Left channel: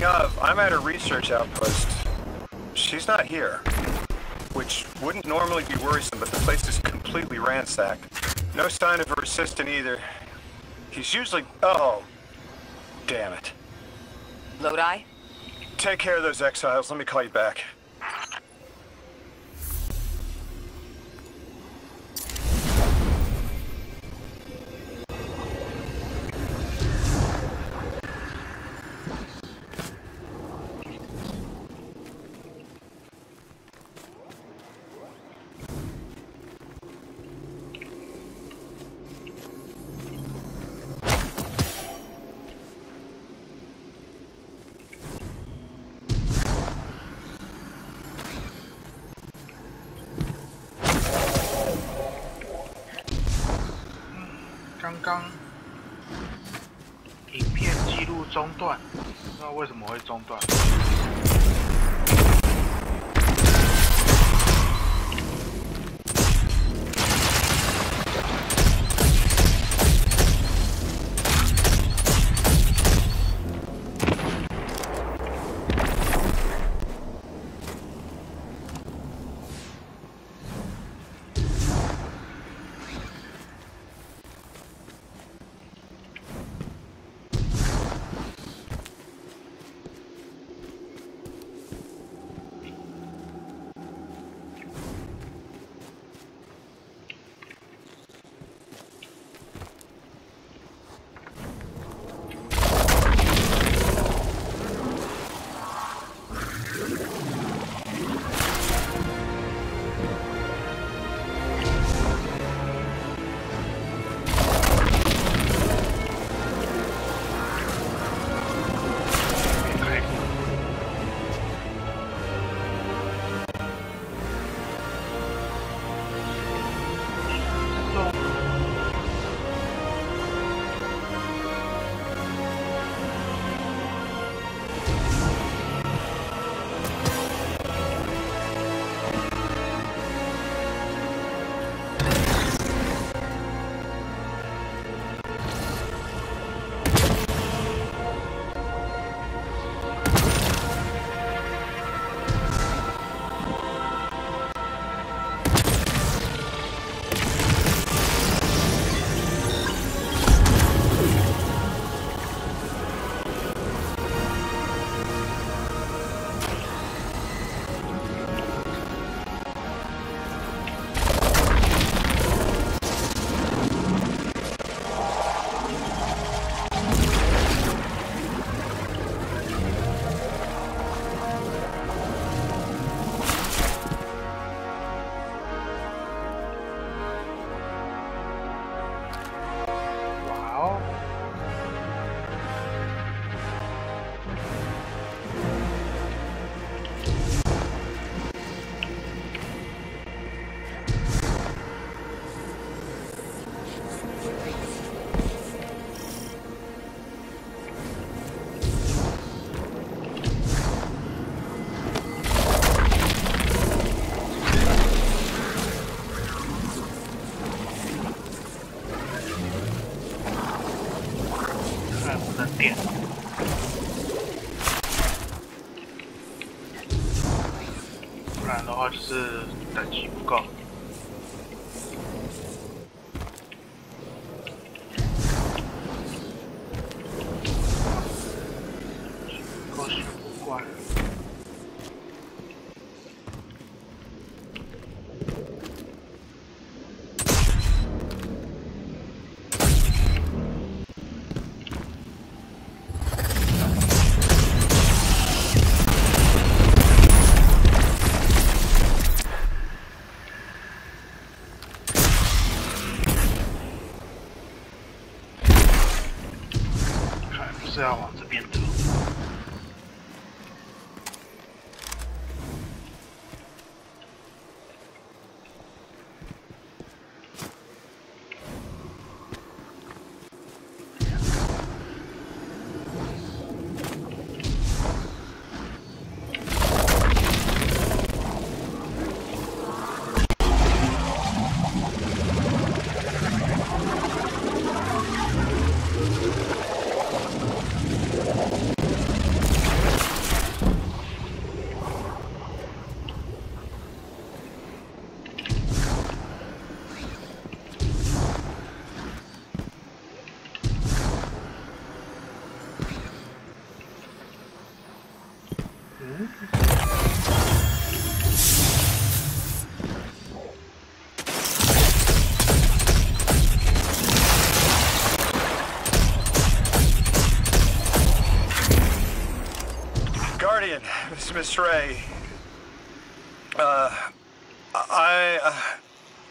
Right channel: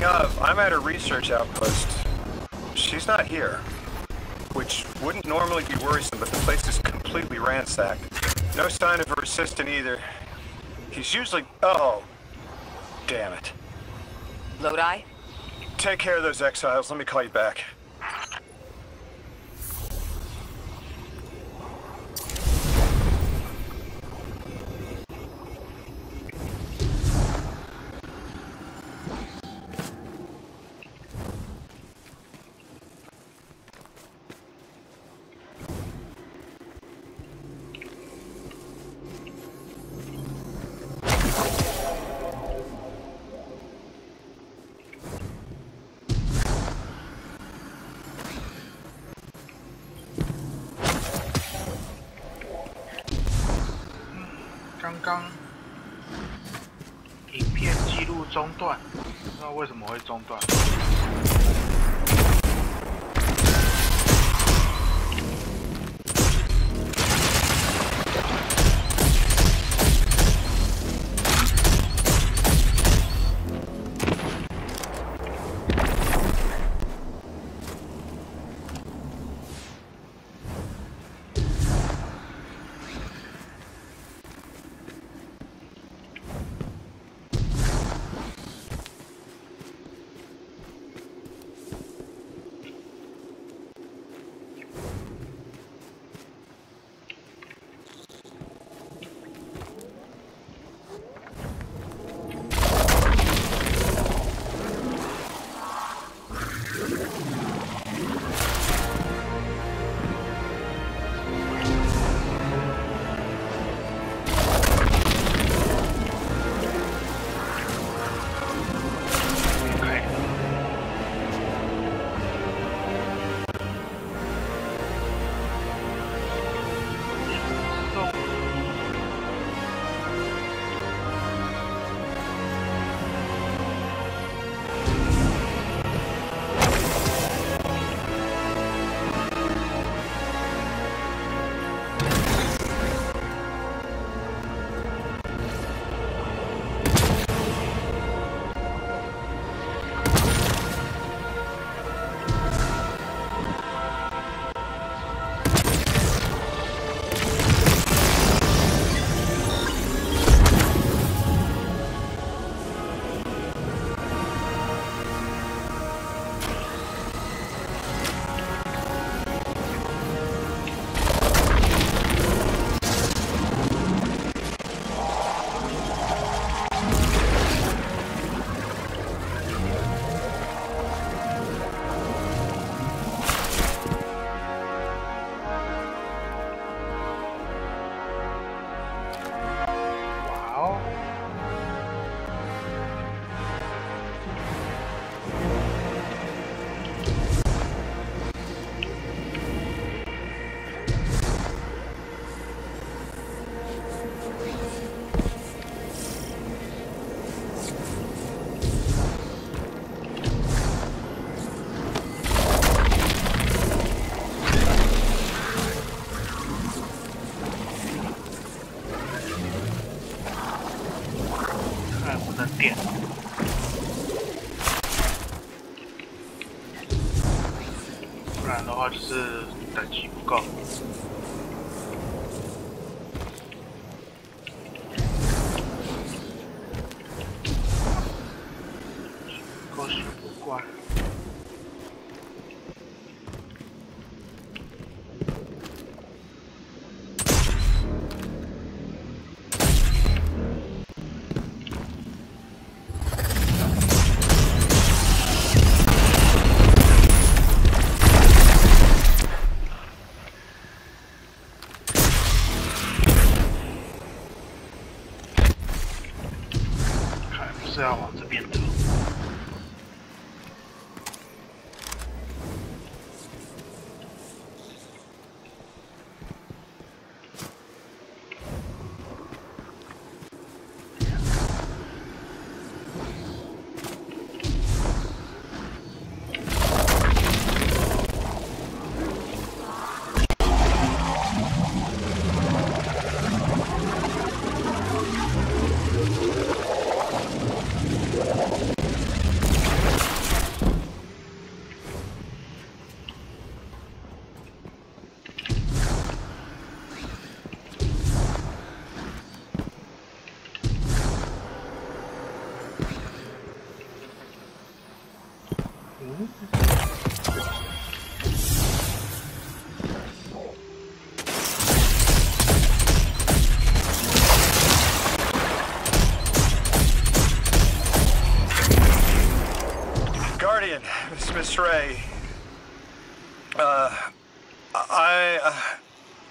Speaking of, I'm at her research outpost. She's not here. Which wouldn't normally be worrisome, but the place is completely ransacked. No sign of her assistant either. He's usually... Oh. Damn it. Lodi? Take care of those exiles. Let me call you back.刚刚影片记录中断，不知道为什么会中断。点。不然的话就是等级不够。够学不惯。 是要往这边走。Guardian, this is Miss Ray.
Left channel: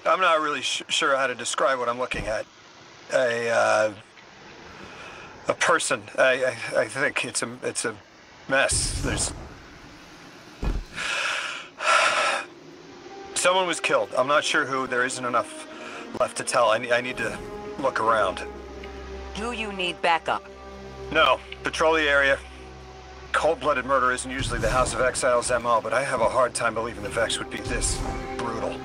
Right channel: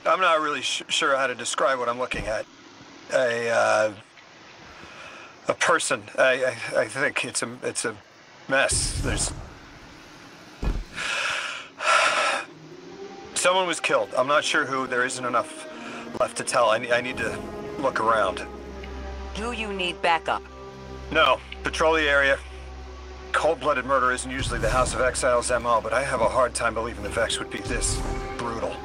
I'm not really sure how to describe what I'm looking at. A person. I think it's a mess. There's someone was killed. I'm not sure who. There isn't enough left to tell. I need to look around. Do you need backup? No. Patrol the area. Cold-blooded murder isn't usually the House of Exile's MO, but I have a hard time believing the Vex would be this brutal.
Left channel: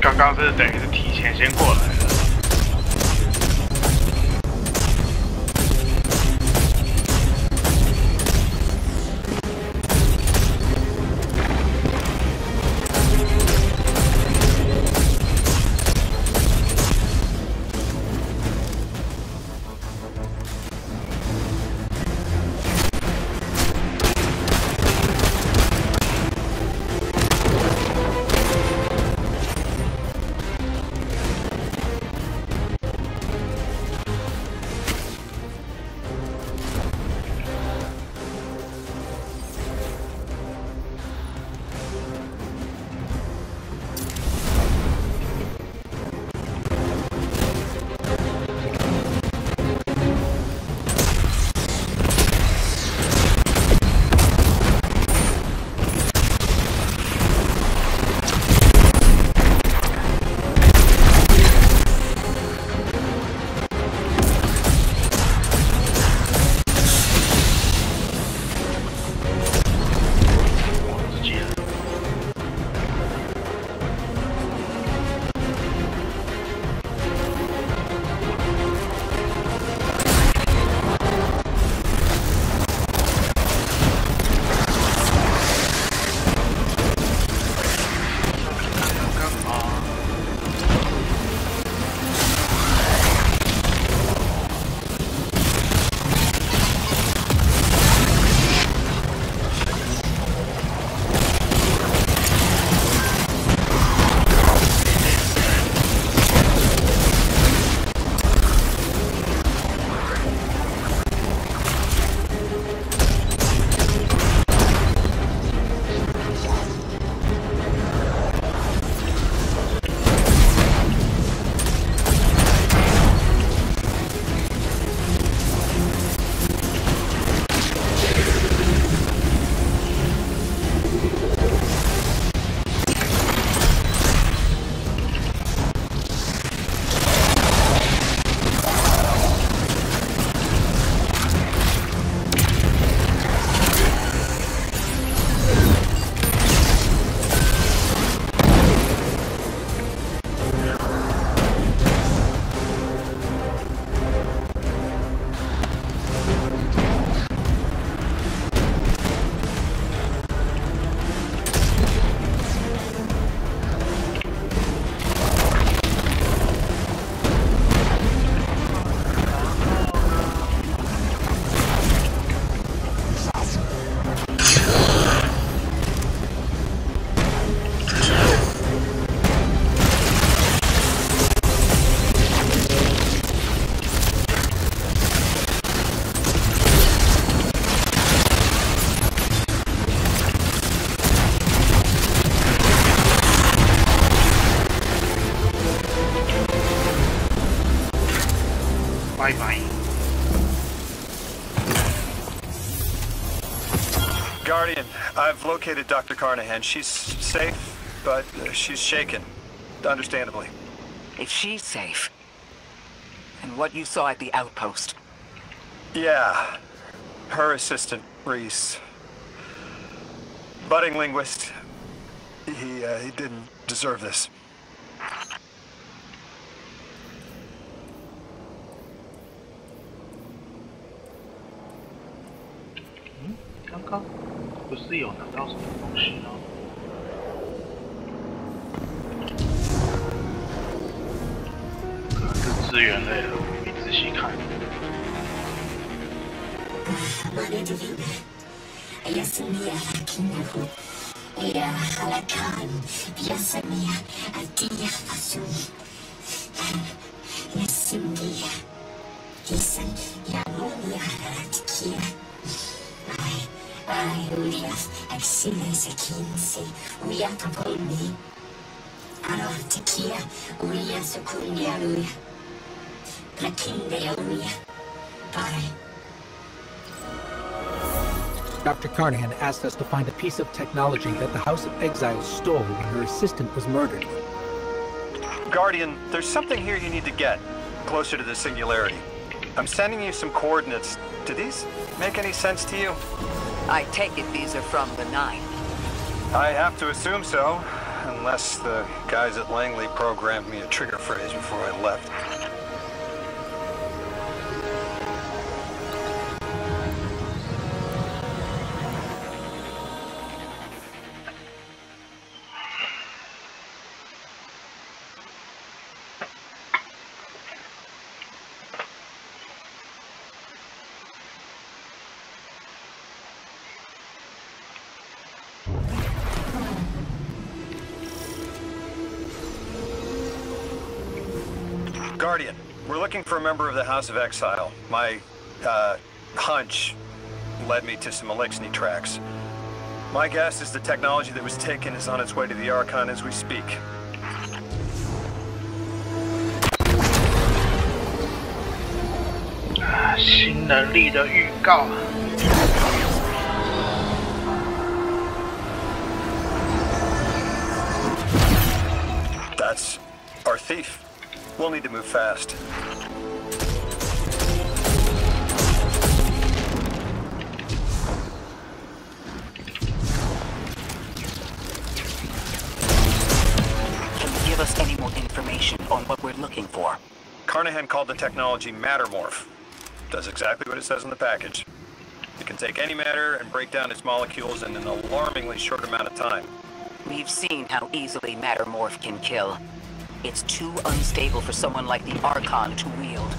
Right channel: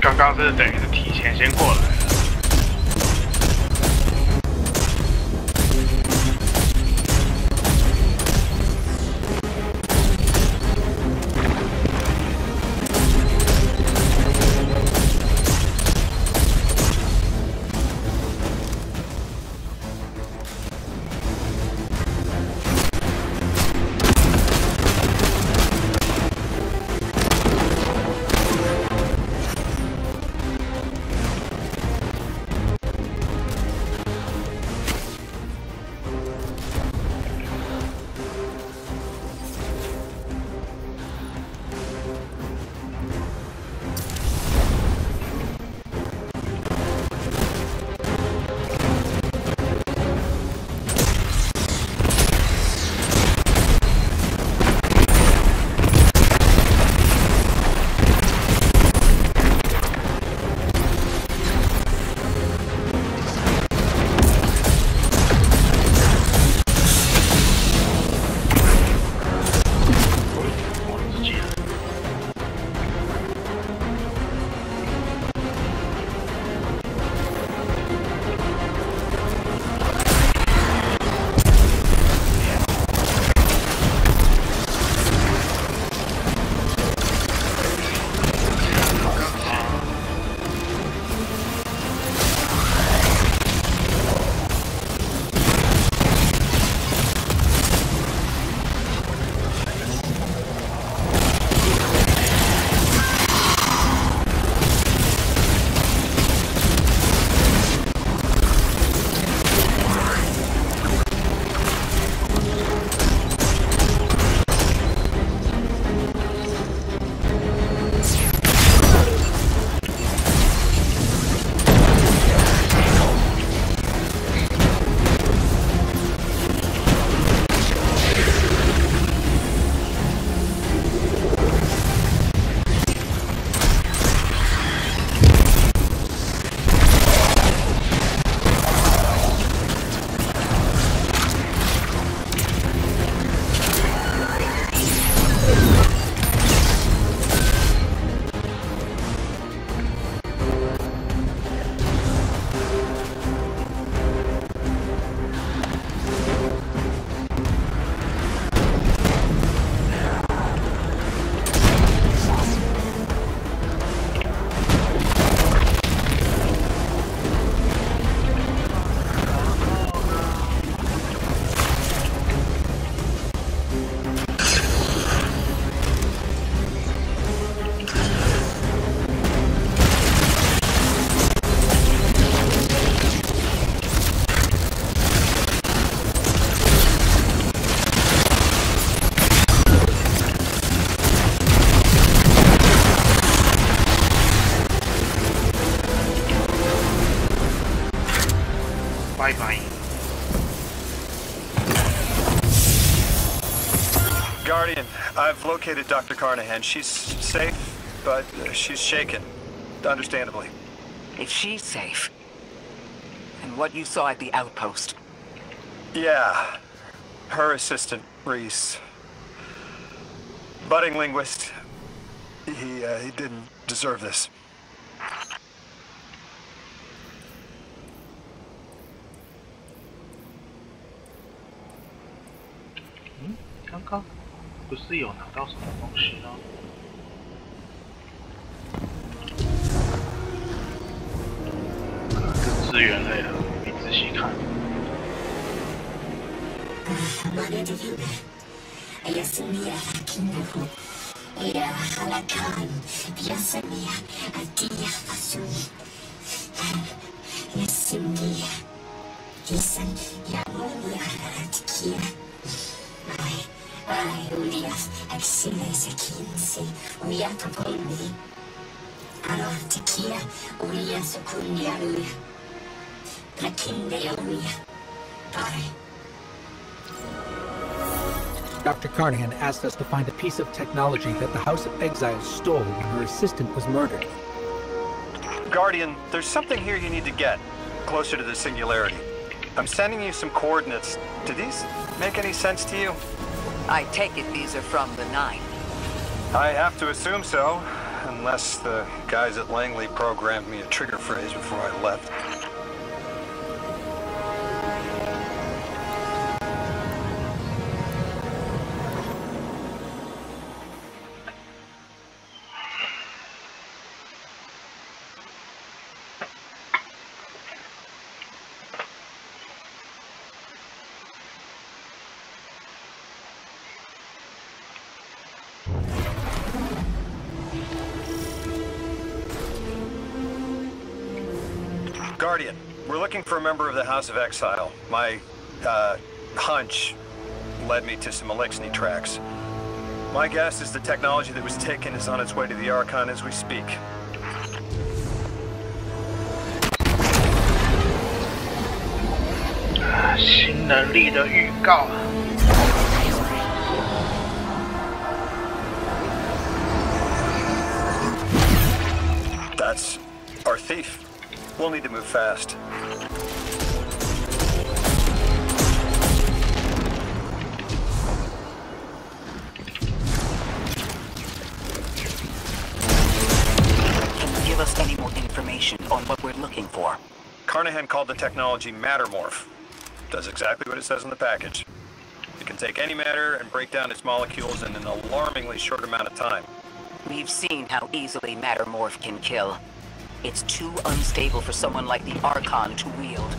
刚刚是等于是提前先过来了。拜拜。Guardian, I've located Dr. Carnahan. She's safe, but she's shaken, understandably. If she's safe, and what you saw at the outpost. Yeah, her assistant, Reese. Budding linguist. He didn't deserve this. 刚刚不是有拿到什么东西吗？可能是资源类的，没仔细看。 Dr. Carnahan asked us to find a piece of technology that the House of Exiles stole when her assistant was murdered. Guardian, there's something here you need to get, closer to the singularity. I'm sending you some coordinates. Do these make any sense to you? I take it these are from the Nine. I have to assume so, unless the guys at Langley programmed me a trigger phrase before I left. Guardian, we're looking for a member of the House of Exile. My, hunch led me to some Elixni tracks. My guess is the technology that was taken is on its way to the Archon as we speak. Ah, 新能力的预告。 That's our thief. We'll need to move fast. Can you give us any more information on what we're looking for? Carnahan called the technology Mattermorph. Does exactly what it says in the package. It can take any matter and break down its molecules in an alarmingly short amount of time. We've seen how easily Mattermorph can kill. It's too unstable for someone like the Archon to wield.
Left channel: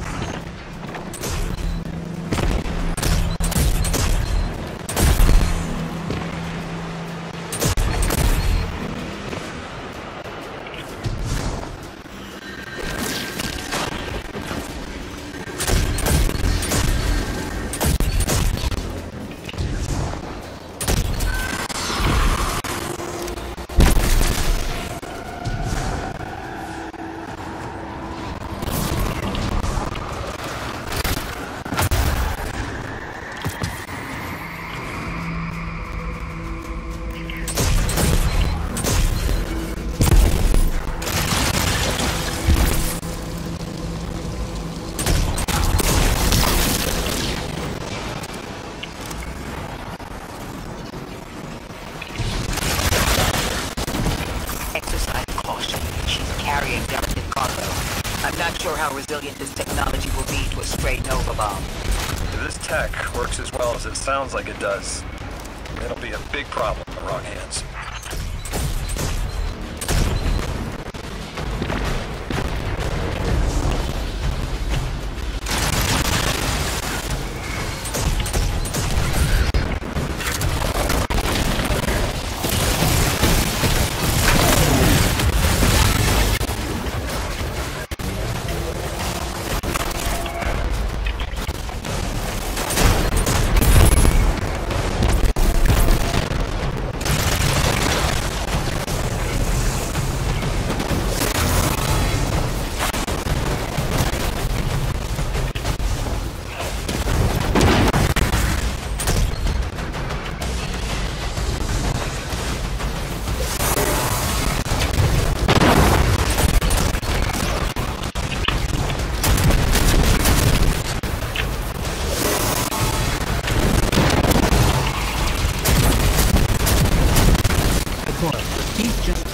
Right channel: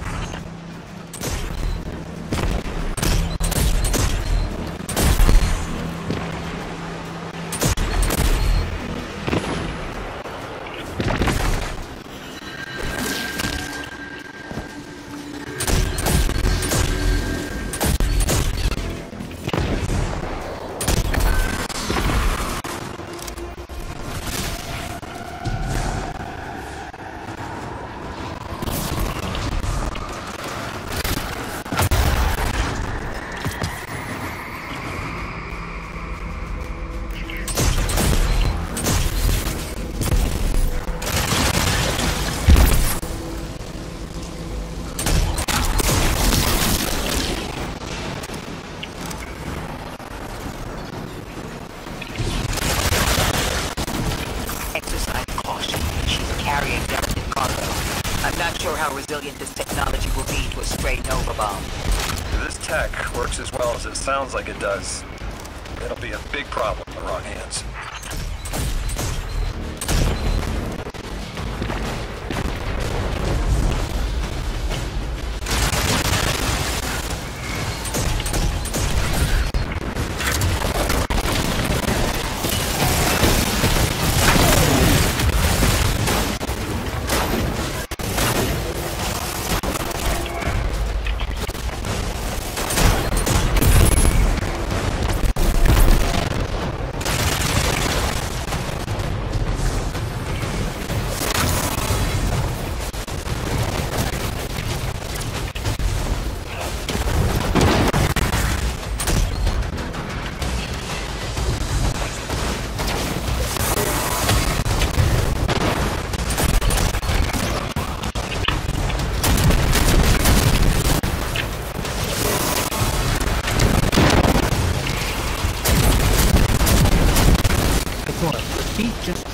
How resilient this technology will be to a stray Nova bomb. If this tech works as well as it sounds like it does, it'll be a big problem in the wrong hands.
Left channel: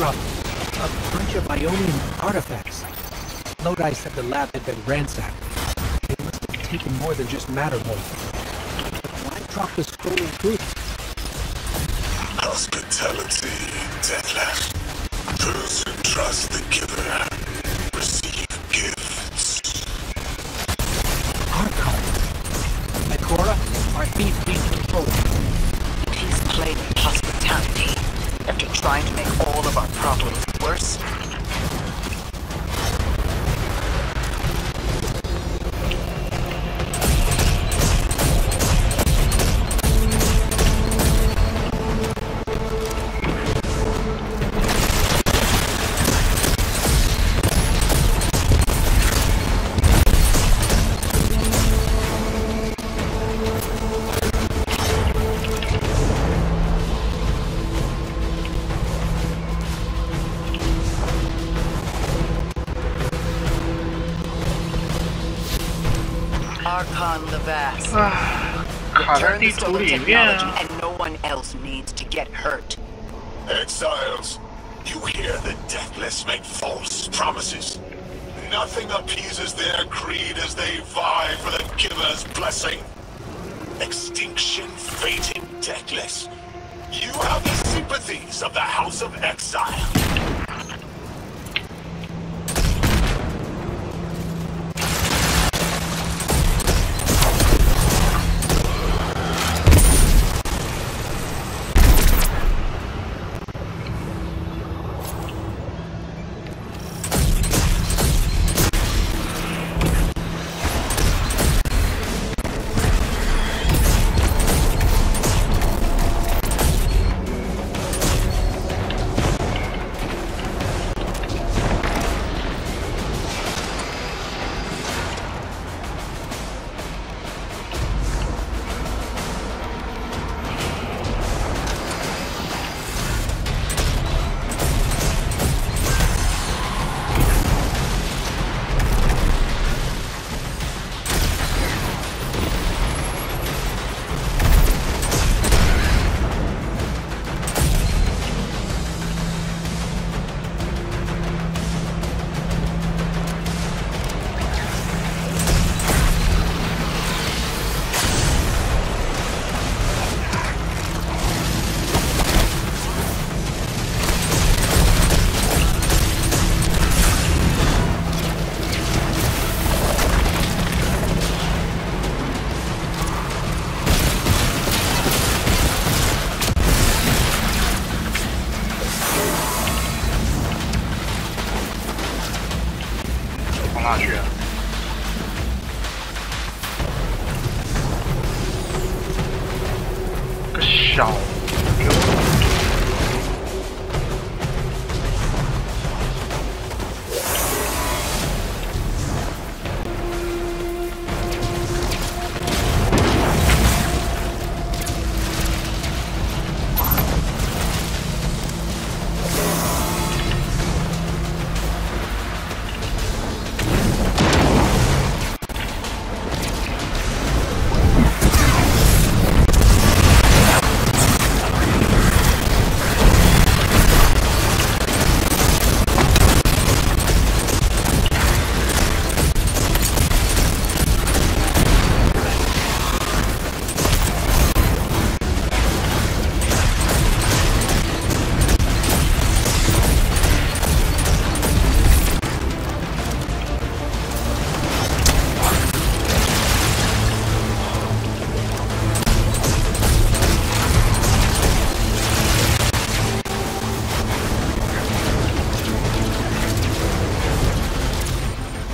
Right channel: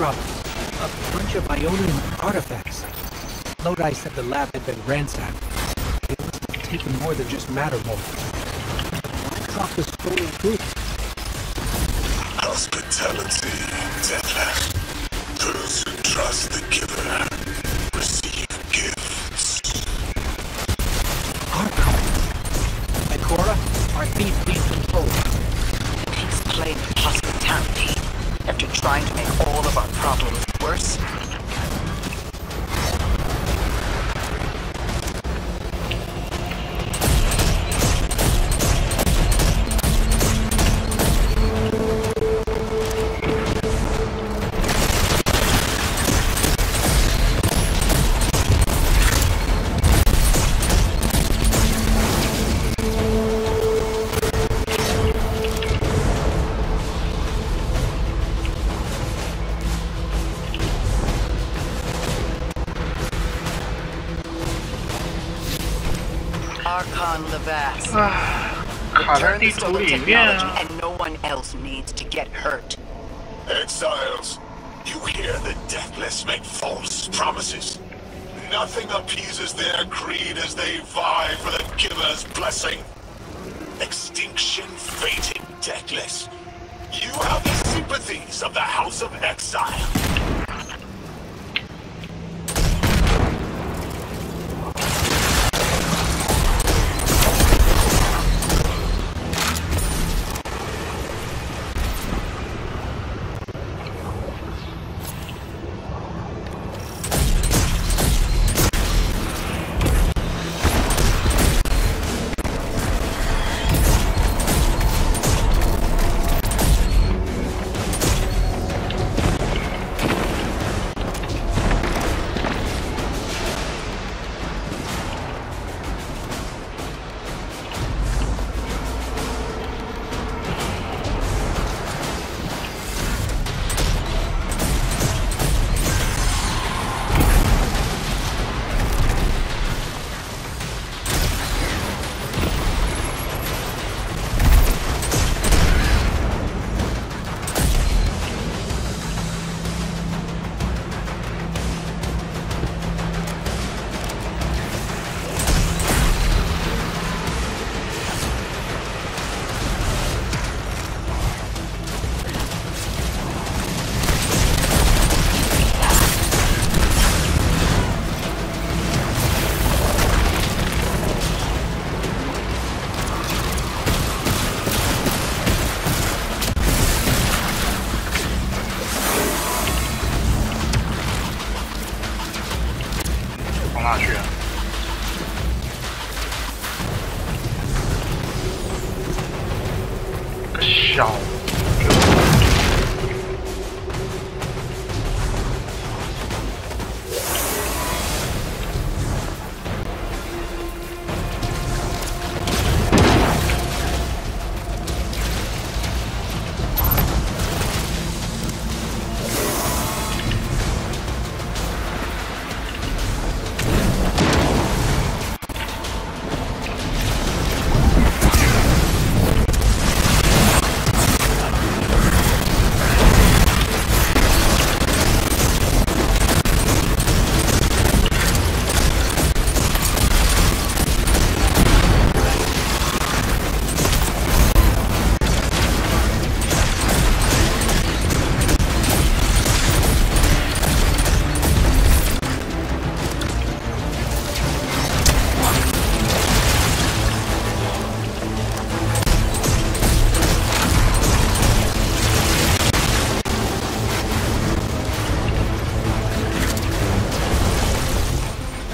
dropped a bunch of Ionian artifacts. Lodi said the lab had been ransacked. They must have taken more than just matter morph. But why drop the stolen goods? Hospitality, Detlef. Those who trust the giver receive gifts. Archon. Ikora, are these being controlled? He's playing hospitality after trying to make all of our problems worse. Archon Levas. 卡在 Return 地 the 图 stolen 里面 technology 啊。 and no one else needs to get hurt. Exiles, you hear the deathless make false promises. Nothing appeases their greed as they vie for the giver's blessing. Extinction fated deathless. You have the sympathies of the House of Exile.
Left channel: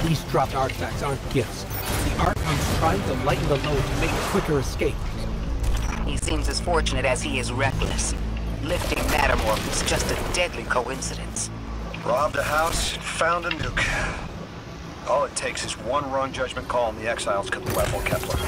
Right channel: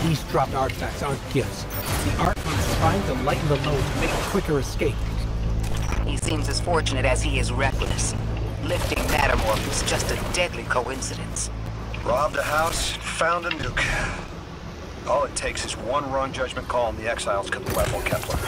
These dropped artifacts aren't gifts. The Archon's trying to lighten the load to make a quicker escape. He seems as fortunate as he is reckless. Lifting Mattermorph was just a deadly coincidence. Robbed a house, found a nuke. All it takes is one wrong judgment call and the Exiles could level Kepler.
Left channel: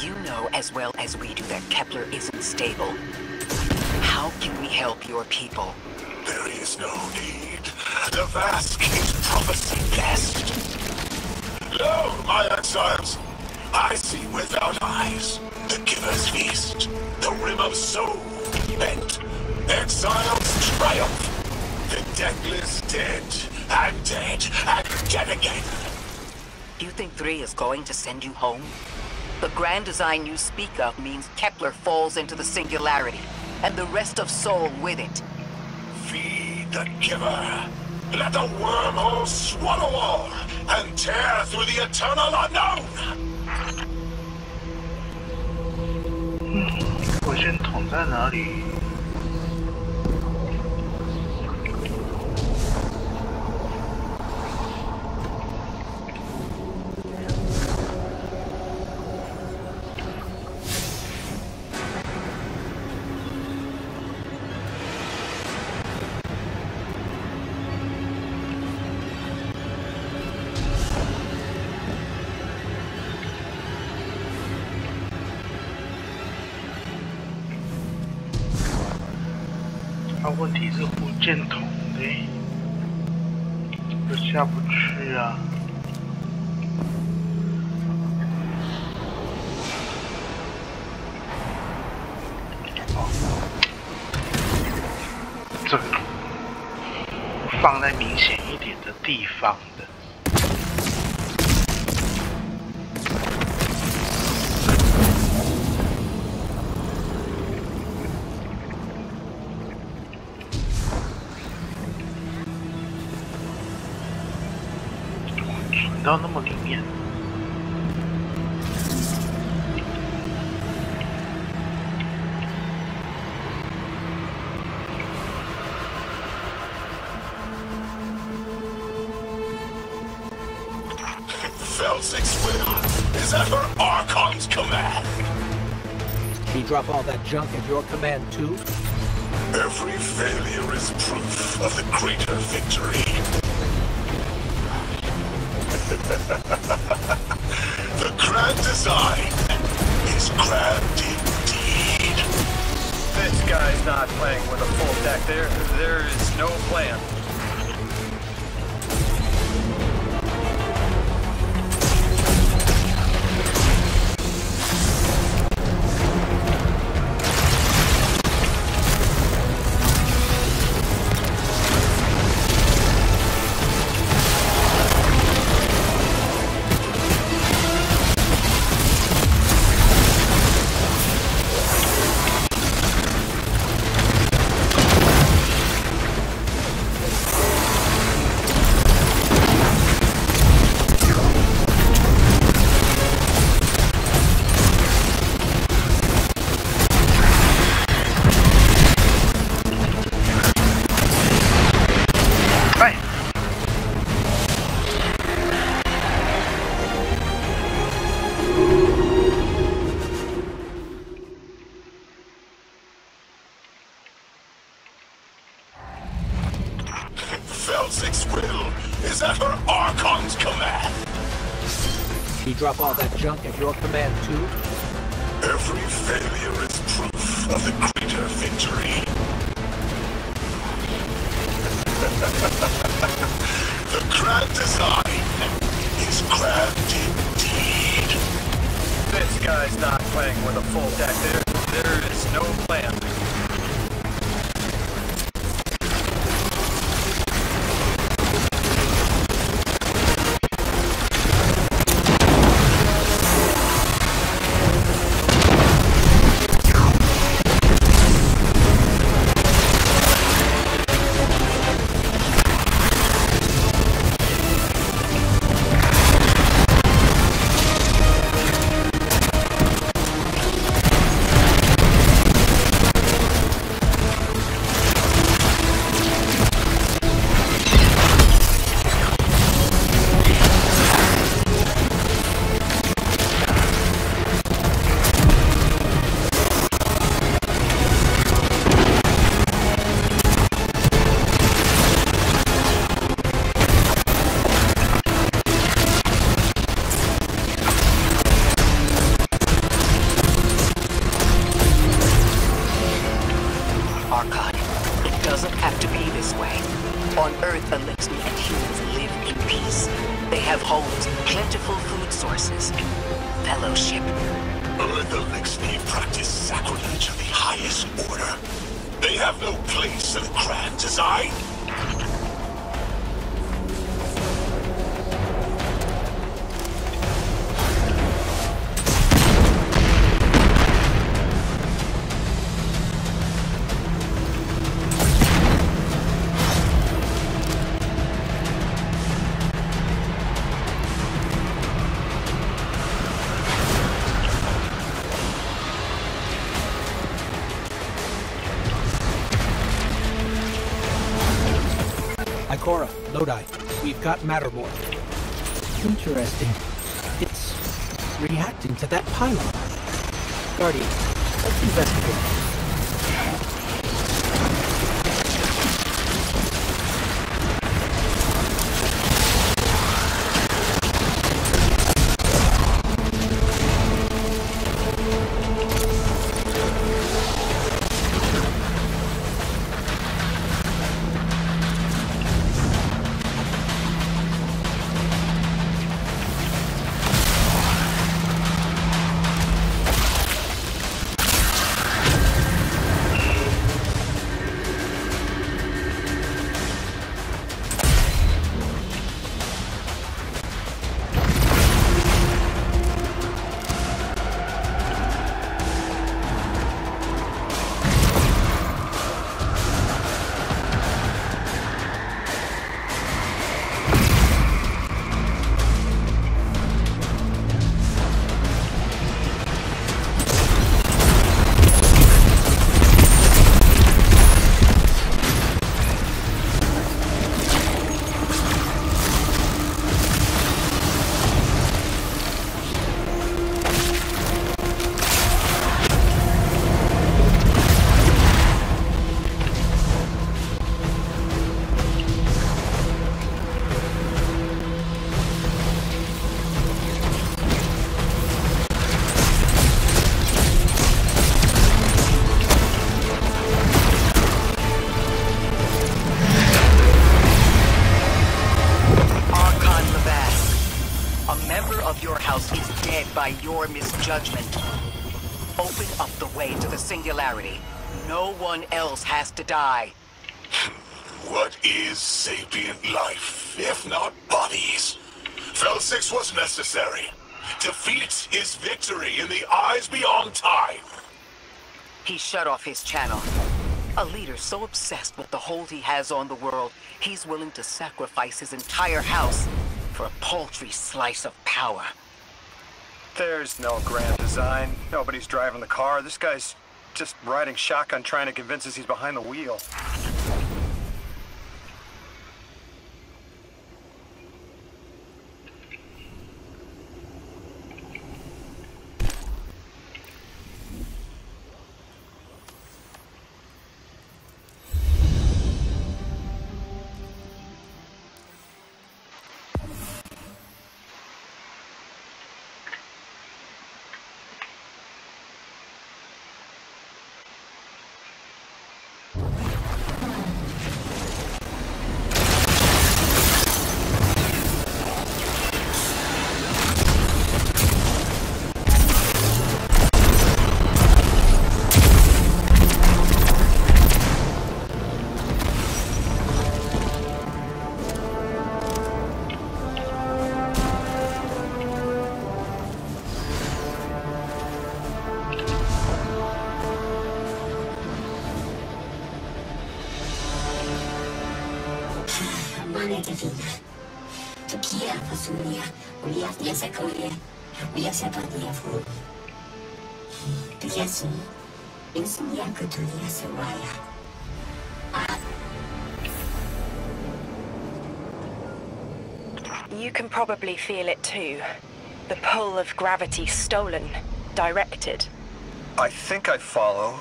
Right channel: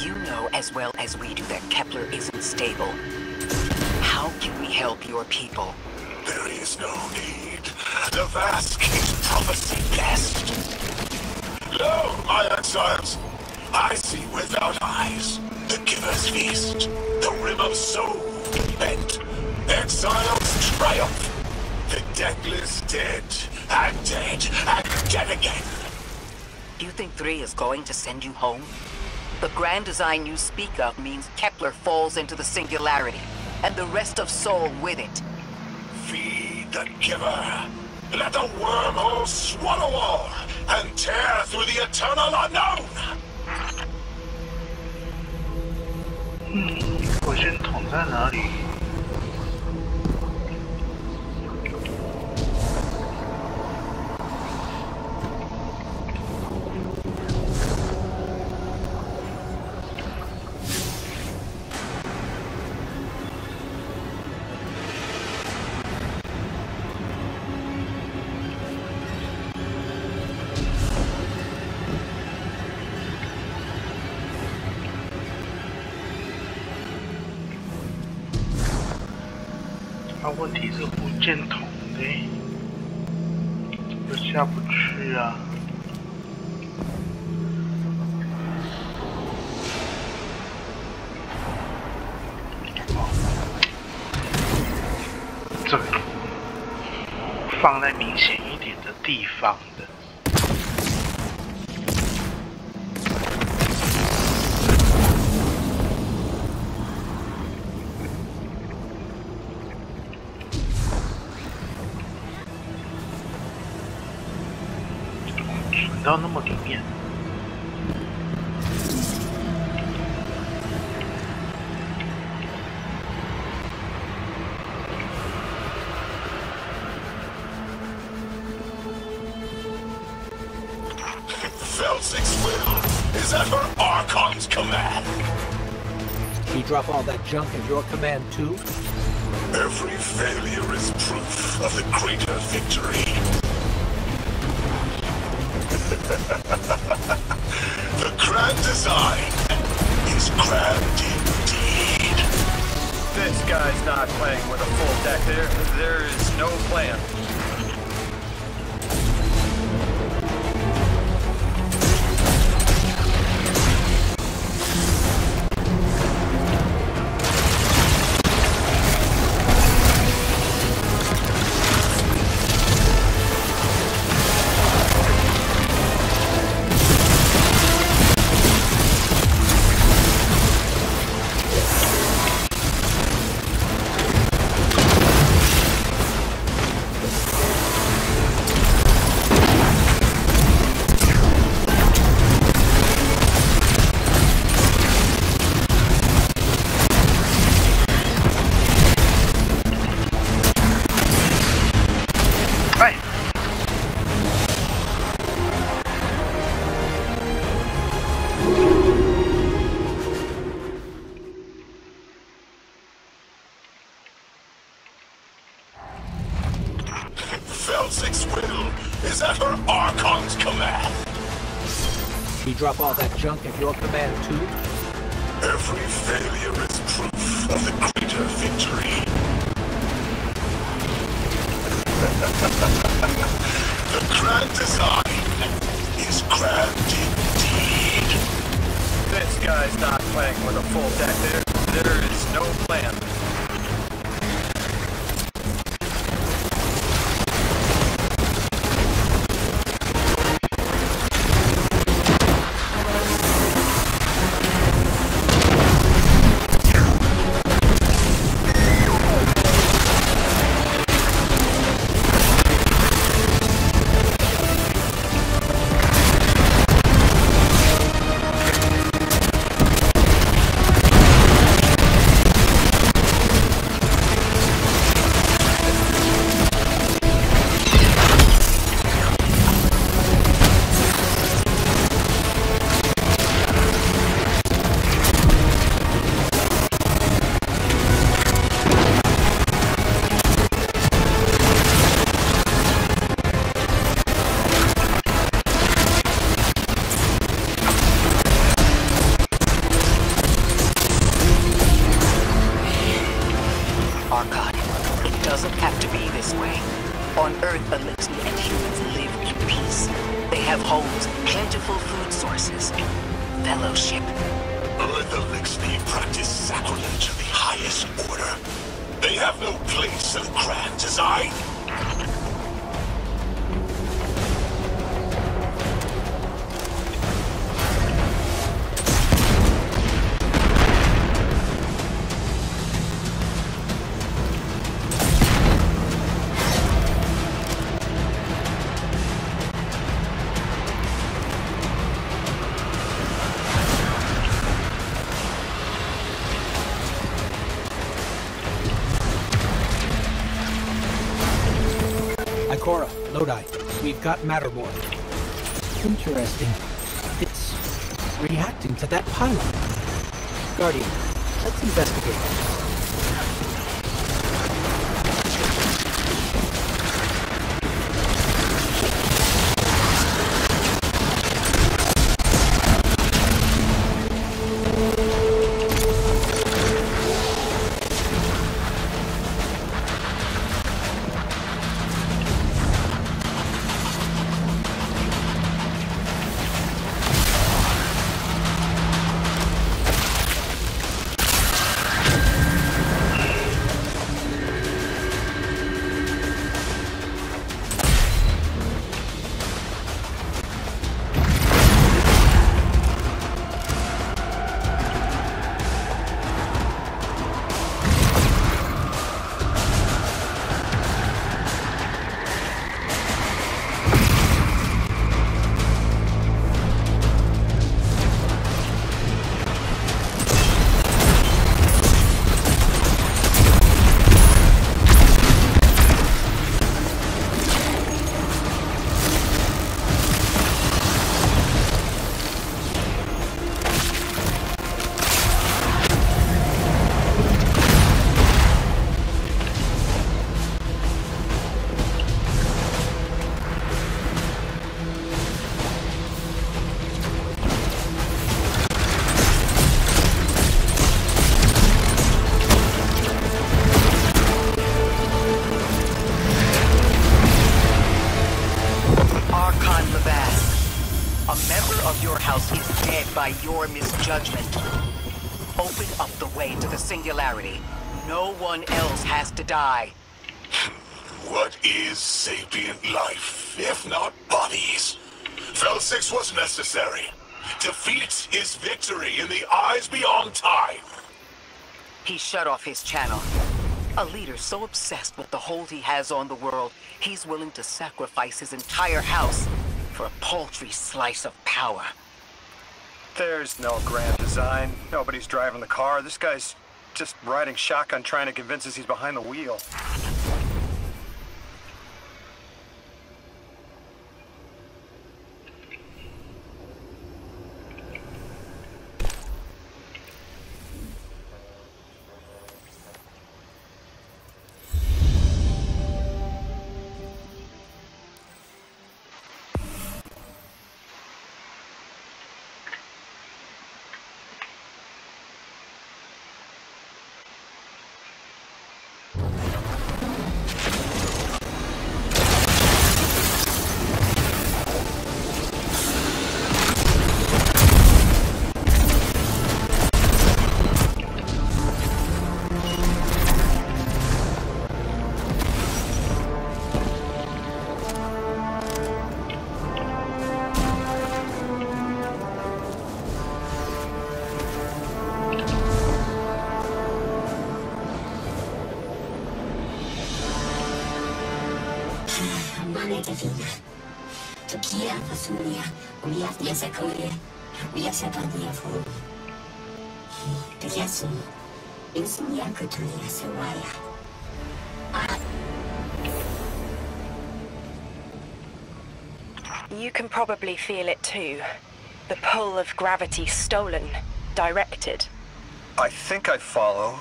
You know as well as we do that Kepler isn't stable. How can we help your people? There is no need. The Vask is prophecy blessed. Lo, my exiles, I see without eyes. The Giver's Feast, the Rim of Soul, bent. Exiles triumph. The deathless dead, and dead, and dead again. You think 3 is going to send you home? The grand design you speak of means Kepler falls into the singularity, and the rest of Soul with it. Feed the Giver. Let the wormhole swallow all, and tear through the eternal unknown. 我先捅在哪里？问题是火箭筒的，又下不去啊！哦，这个放在明显一点的地方的。 到那么里面， Felsik's will is at her Archon's command. He drop all that junk at your command too? Every failure is proof of the greater victory. The grand design is grand indeed. This guy's not playing with a full deck. There is no plan. Felsik's will is at her Archon's command. He drop all that junk at your command too? Every failure is proof of the greater victory. The grand design is grand indeed. This guy's not playing with a full deck. There is no plan. Elixir and humans live in peace. They have homes, plentiful food sources, fellowship. Earth Elixir practice sacrilege of the highest order. They have no place in the grand design. Ikora, Lodi, we've got Mattermore. Interesting. It's reacting to that pylon. Guardian, let's investigate. By your misjudgment. Open up the way to the singularity. No one else has to die. What is sapient life, if not bodies? Fel 6 was necessary. Defeat is victory in the eyes beyond time. He shut off his channel. A leader so obsessed with the hold he has on the world, he's willing to sacrifice his entire house for a paltry slice of power. There's no grand design. Nobody's driving the car. This guy's just riding shotgun trying to convince us he's behind the wheel. You can probably feel it too. The pull of gravity stolen, directed. I think I follow.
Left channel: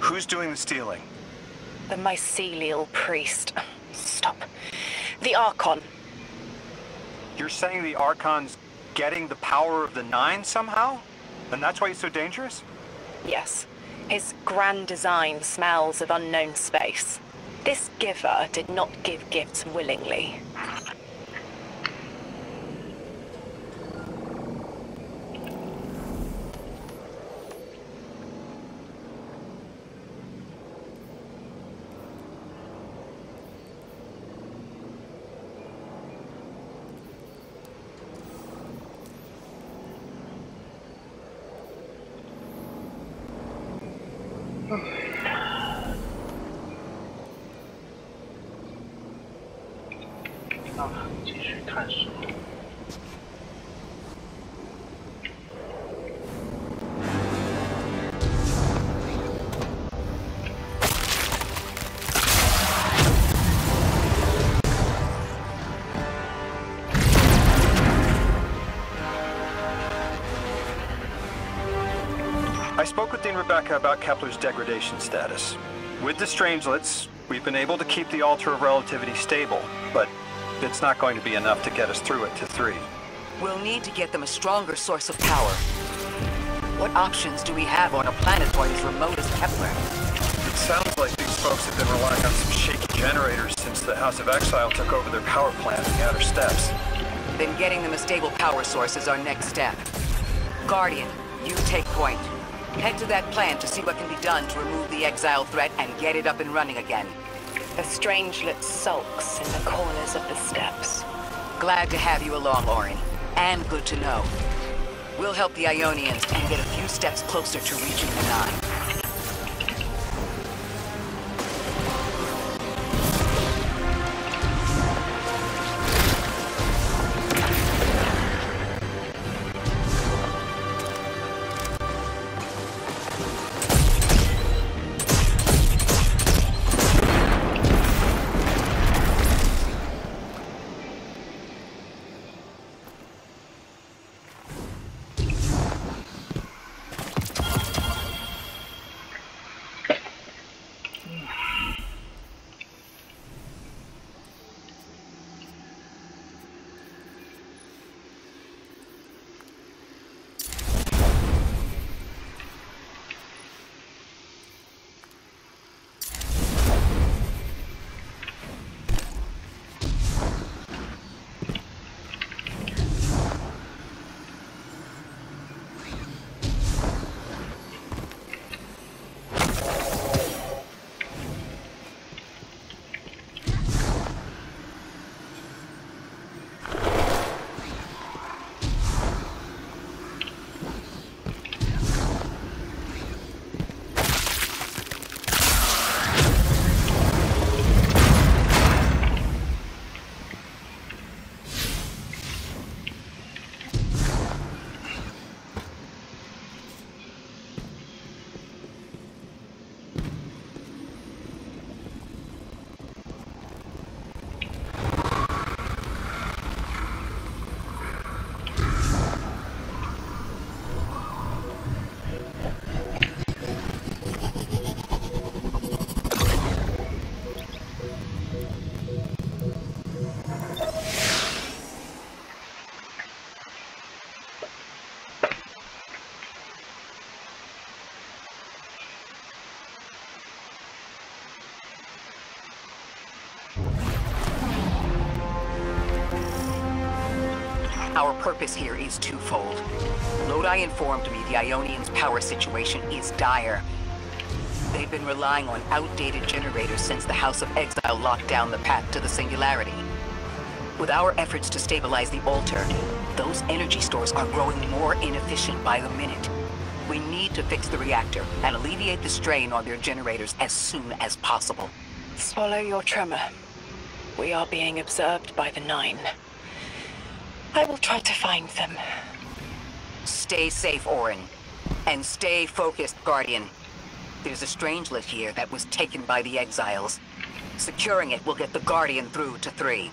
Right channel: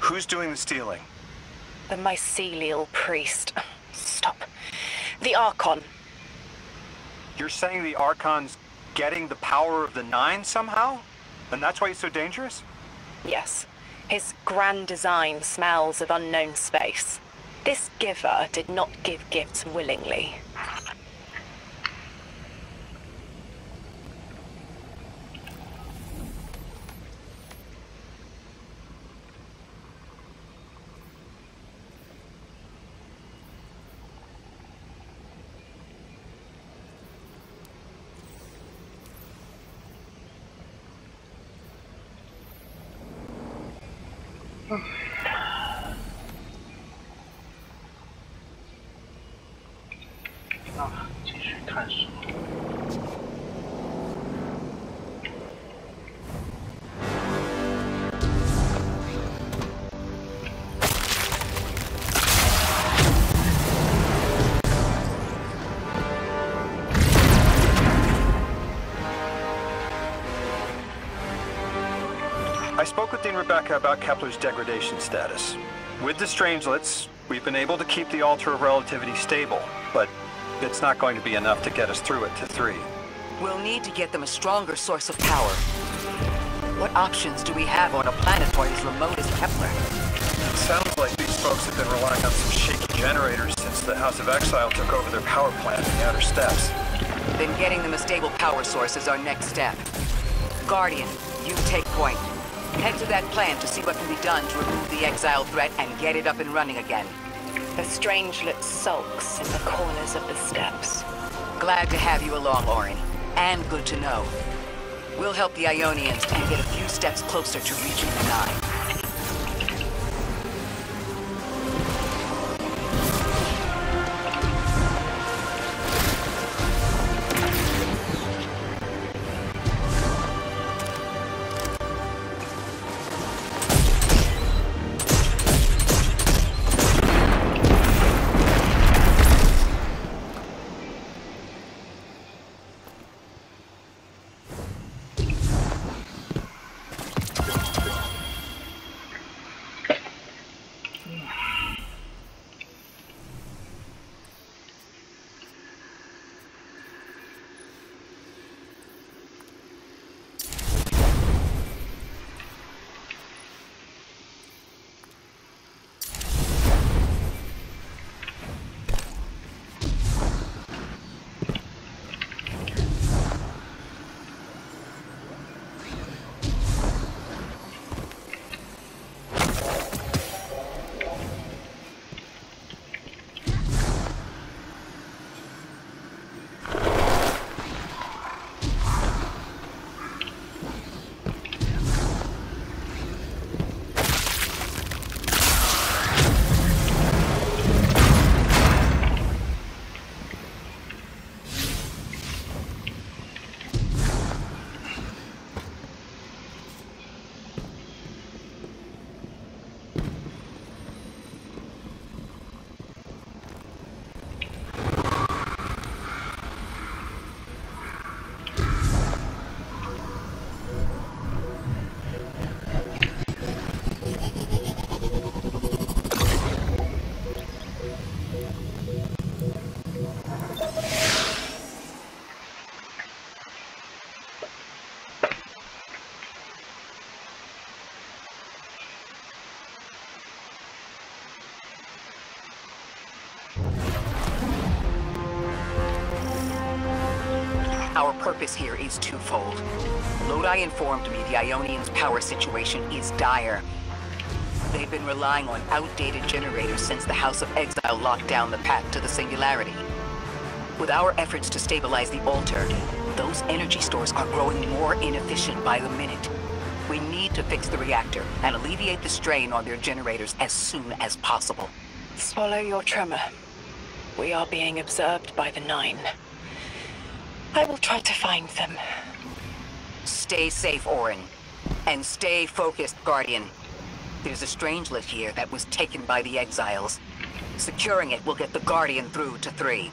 Who's doing the stealing? The mycelial priest. Stop. The Archon. You're saying the Archon's getting the power of the Nine somehow? And that's why he's so dangerous? Yes. His grand design smells of unknown space. This giver did not give gifts willingly.继续探索。I spoke with Dean Rebecca about Kepler's degradation status. With the Strangelets, we've been able to keep the Altar of Relativity stable, but it's not going to be enough to get us through it to 3. We'll need to get them a stronger source of power. What options do we have on a planetoid as remote as Kepler? It sounds like these folks have been relying on some shaky generators since the House of Exile took over their power plant in the Outer Steppes. Then getting them a stable power source is our next step. Guardian, you take point. Head to that plant to see what can be done to remove the Exile threat and get it up and running again. The Strangelet sulks in the corners of the steppes. Glad to have you along, Orin. And good to know. We'll help the Ionians and get a few steps closer to reaching the 9. Our purpose here is twofold. Lodi informed me the Ionians' power situation is dire. They've been relying on outdated generators since the House of Exile locked down the path to the Singularity. With our efforts to stabilize the altar, those energy stores are growing more inefficient by the minute. We need to fix the reactor and alleviate the strain on their generators as soon as possible. Swallow your tremor. We are being observed by the 9. I will try to find them. Stay safe, Orin. And stay focused, Guardian. There's a Strangelet here that was taken by the Exiles. Securing it will get the Guardian through to 3.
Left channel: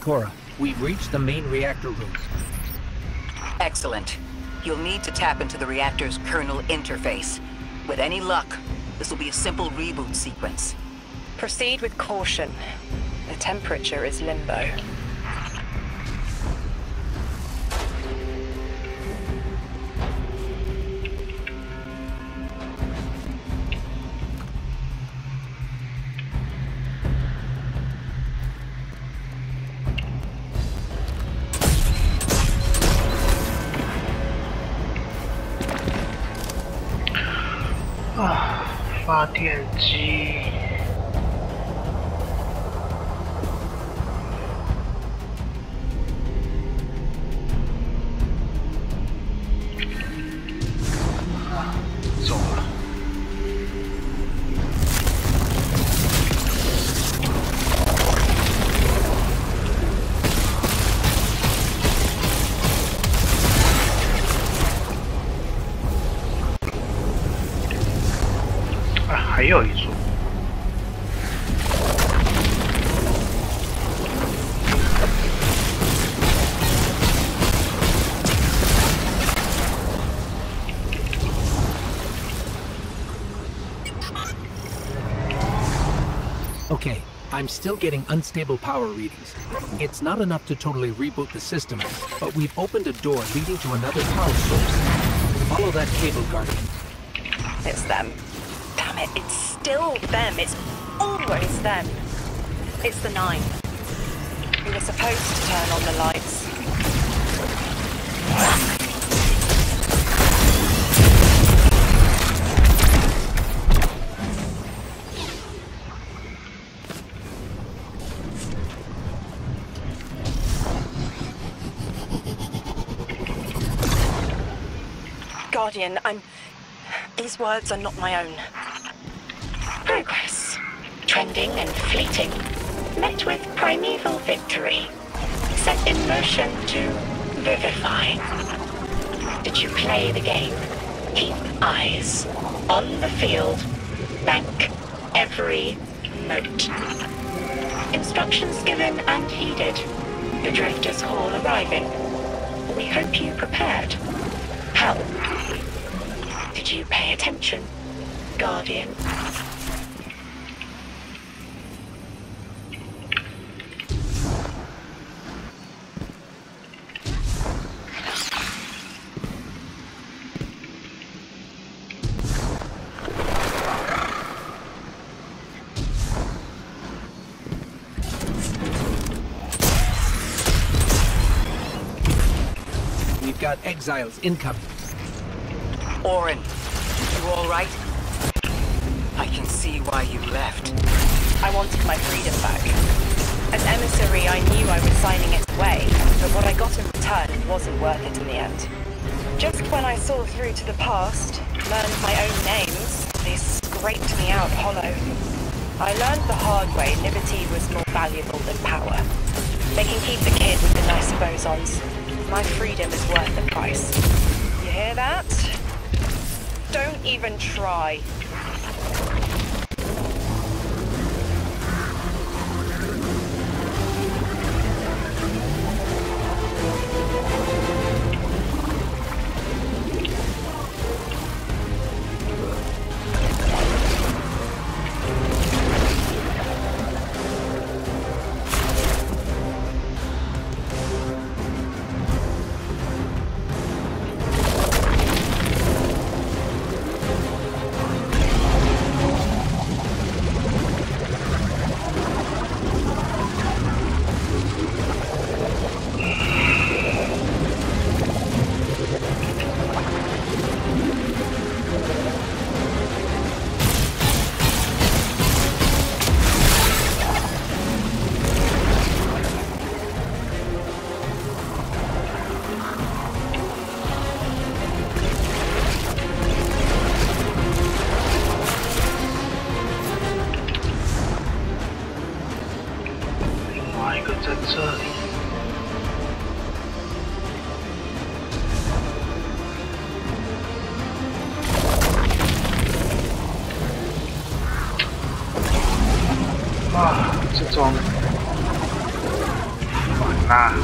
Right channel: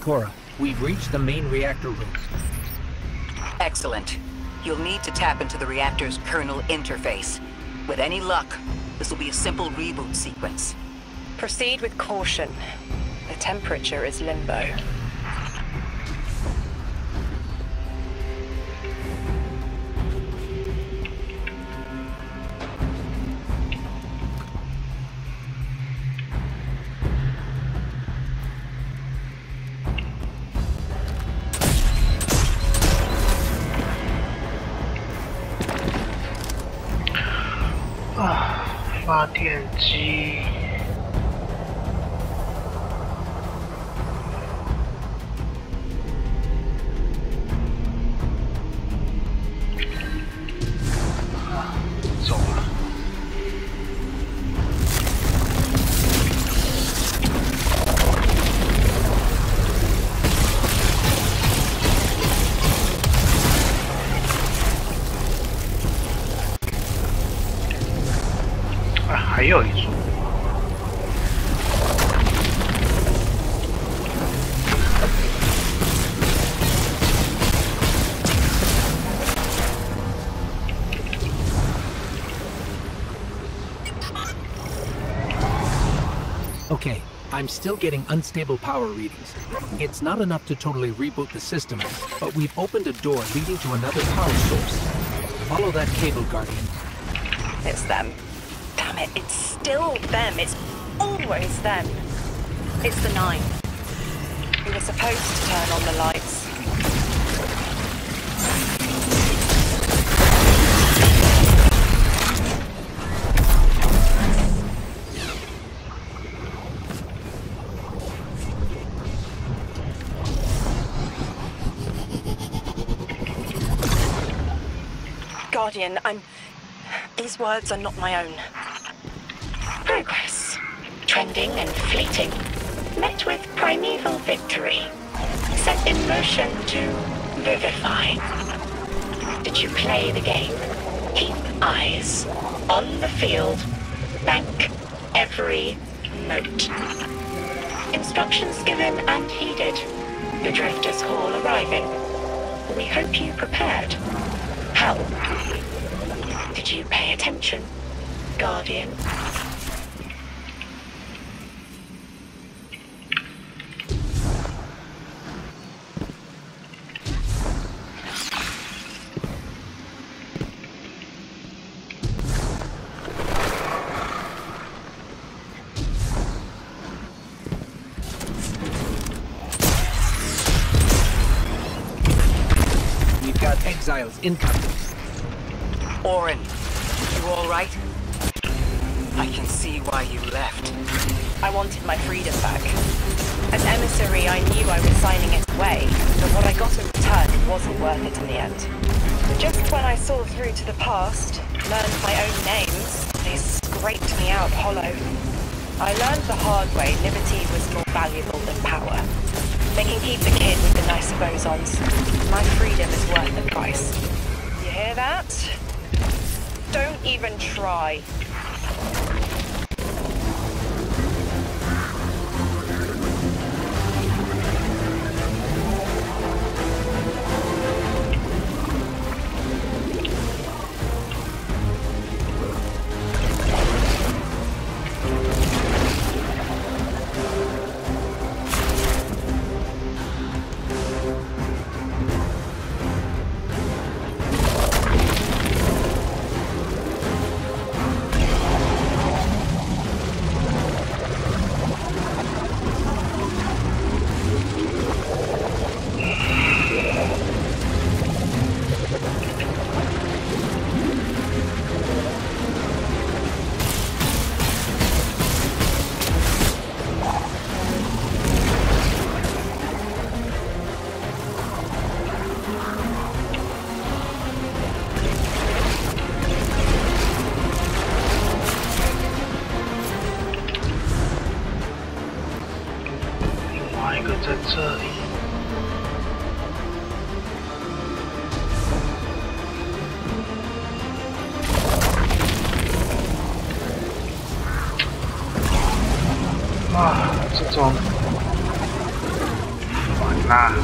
Ikora, we've reached the main reactor room. Excellent. You'll need to tap into the reactor's kernel interface. With any luck, this will be a simple reboot sequence. Proceed with caution. The temperature is limbo.啊，发电机。啊，走了。啊，还有一座。Okay, I'm still getting unstable power readings. It's not enough to totally reboot the system, but we've opened a door leading to another power source. Follow that cable, Guardian. It's them. Damn it, it's still them. It's always them. It's the 9. We were supposed to turn on the lights. Guardian, these words are not my own. Progress. Trending and fleeting. Met with primeval victory. Set in motion to vivify. Did you play the game? Keep eyes on the field. Bank every note. Instructions given and heeded. The Drifters' Hall arriving. We hope you prepared. How? Did you pay attention, Guardian? We've got exiles incoming. Orin, you all right? I can see why you left. I wanted my freedom back. As emissary, I knew I was signing it away, but what I got in return wasn't worth it in the end. Just when I saw through to the past, learned my own names, they scraped me out hollow. I learned the hard way liberty was more valuable than power. They can keep the kid with the nice bosons. My freedom is worth the price. You hear that? Don't even try.在这里。啊，这种啊！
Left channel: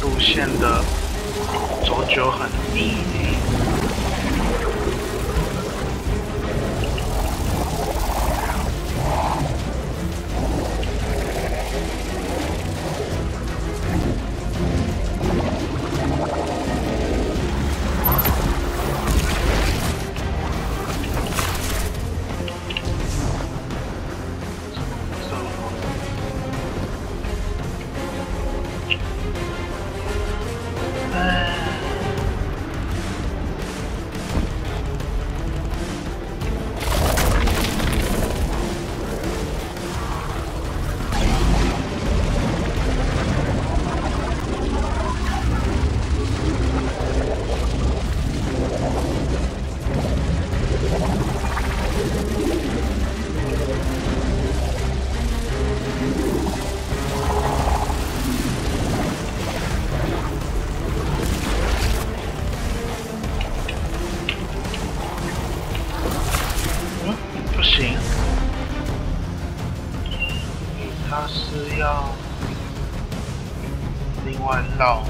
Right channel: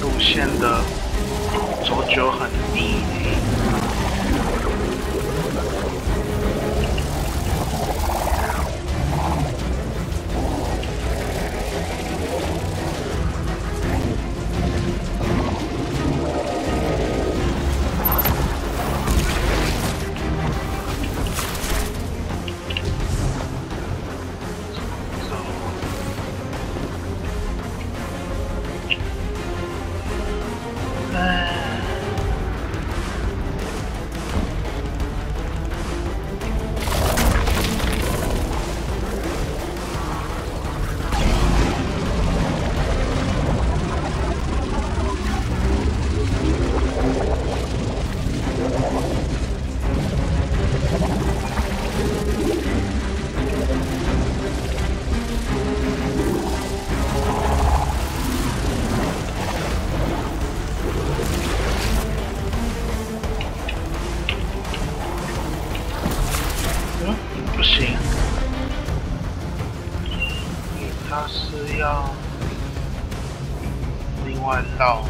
路线的走久很腻呢。不行，它是要另外绕。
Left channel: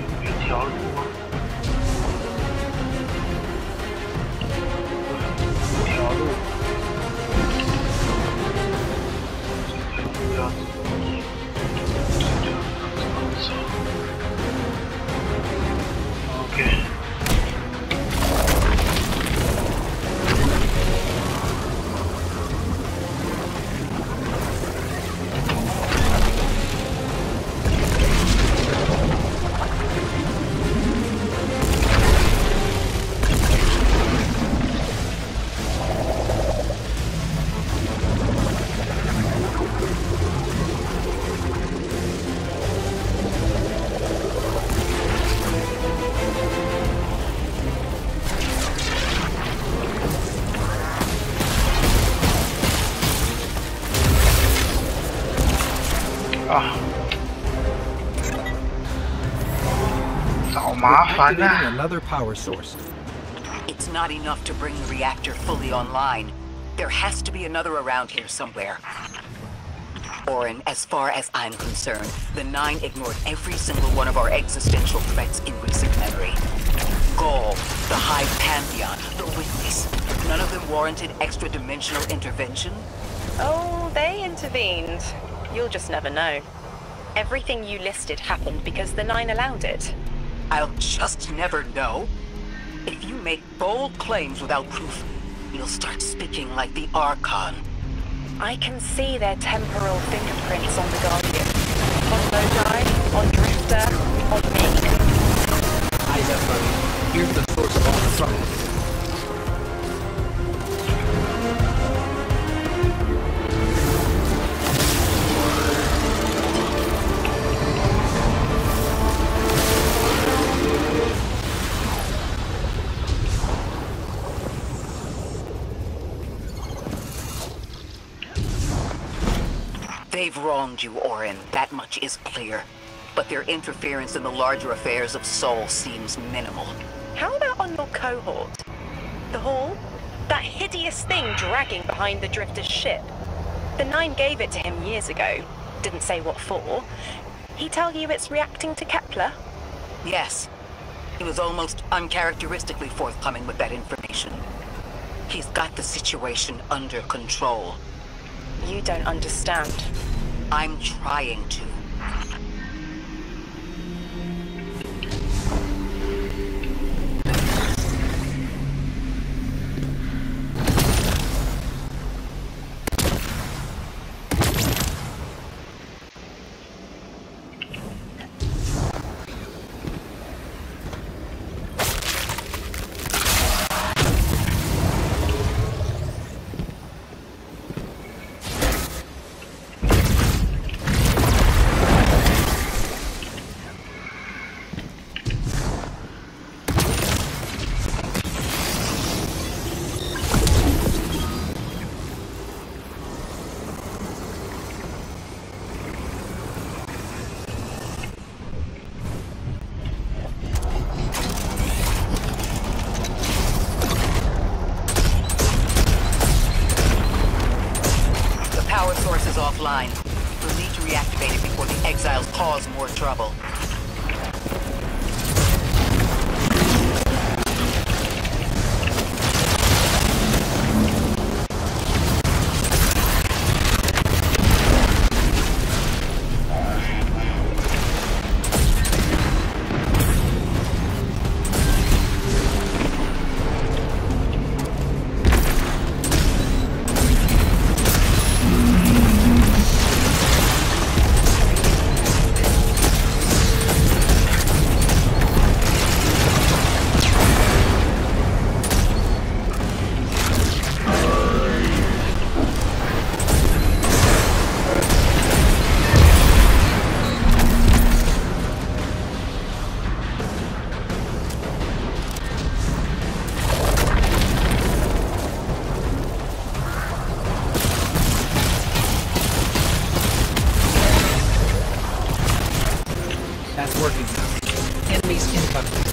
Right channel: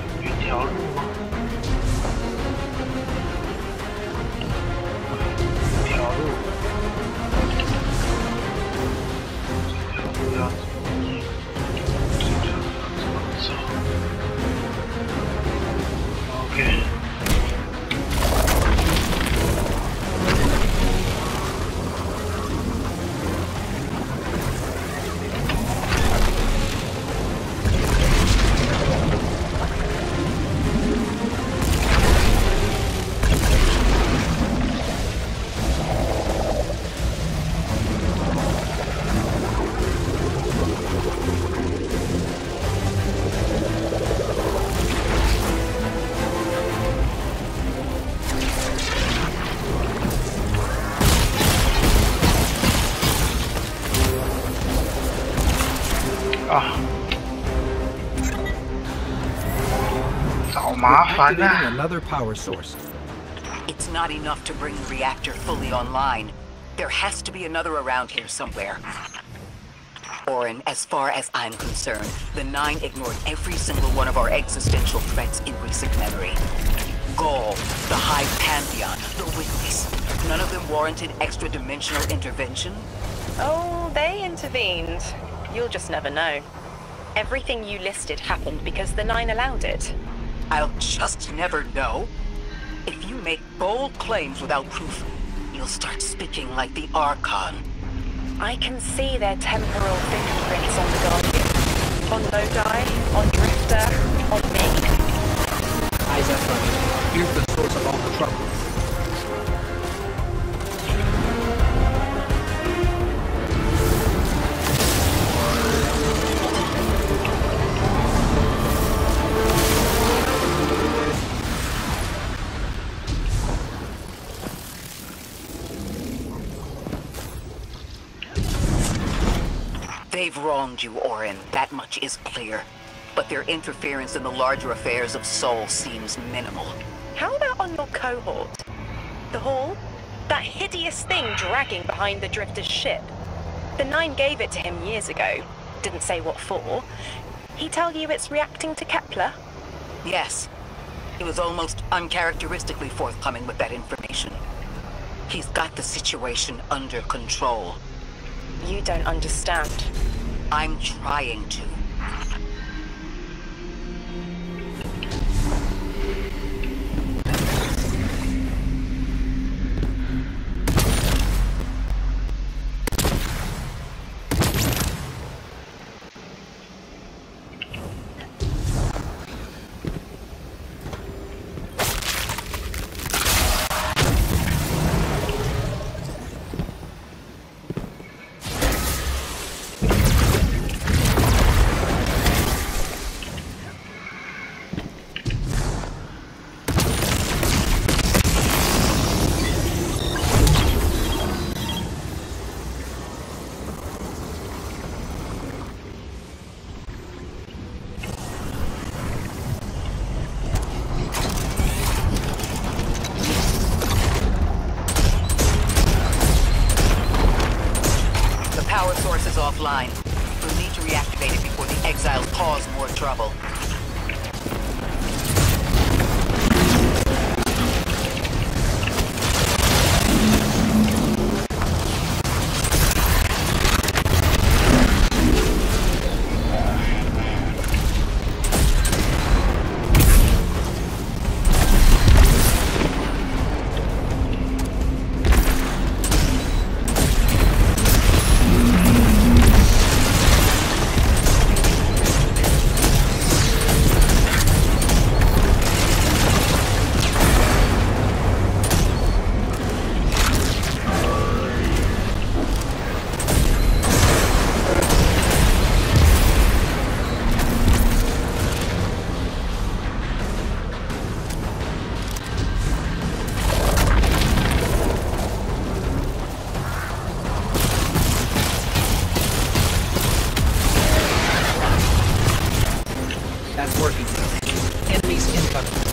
有别条路吗？一条路，这条路要走，这条路要怎么走？OK。啊！找麻烦啊 Another power source. It's not enough to bring the reactor fully online. There has to be another around here somewhere. Orin, as far as I'm concerned, the Nine ignored every single one of our existential threats in recent memory. Gaul, the Hive Pantheon, the Witness. None of them warranted extra-dimensional intervention? Oh, they intervened. You'll just never know. Everything you listed happened because the Nine allowed it. I'll just never know. If you make bold claims without proof, you'll start speaking like the Archon. I can see their temporal fingerprints on the Guardian. On Lodi, on Drifter, on me. Eyes up, buddy. Here's the source of all the trouble. They've wronged you, Orin. That much is clear. But their interference in the larger affairs of Sol seems minimal. How about on your cohort? The Hall? That hideous thing dragging behind the Drifter's ship. The Nine gave it to him years ago. Didn't say what for. He tell you it's reacting to Kepler? Yes. He was almost uncharacteristically forthcoming with that information. He's got the situation under control. You don't understand. I'm trying to. power source is offline. We'll need to reactivate it before the exiles cause more trouble. That's working now. Enemies incoming.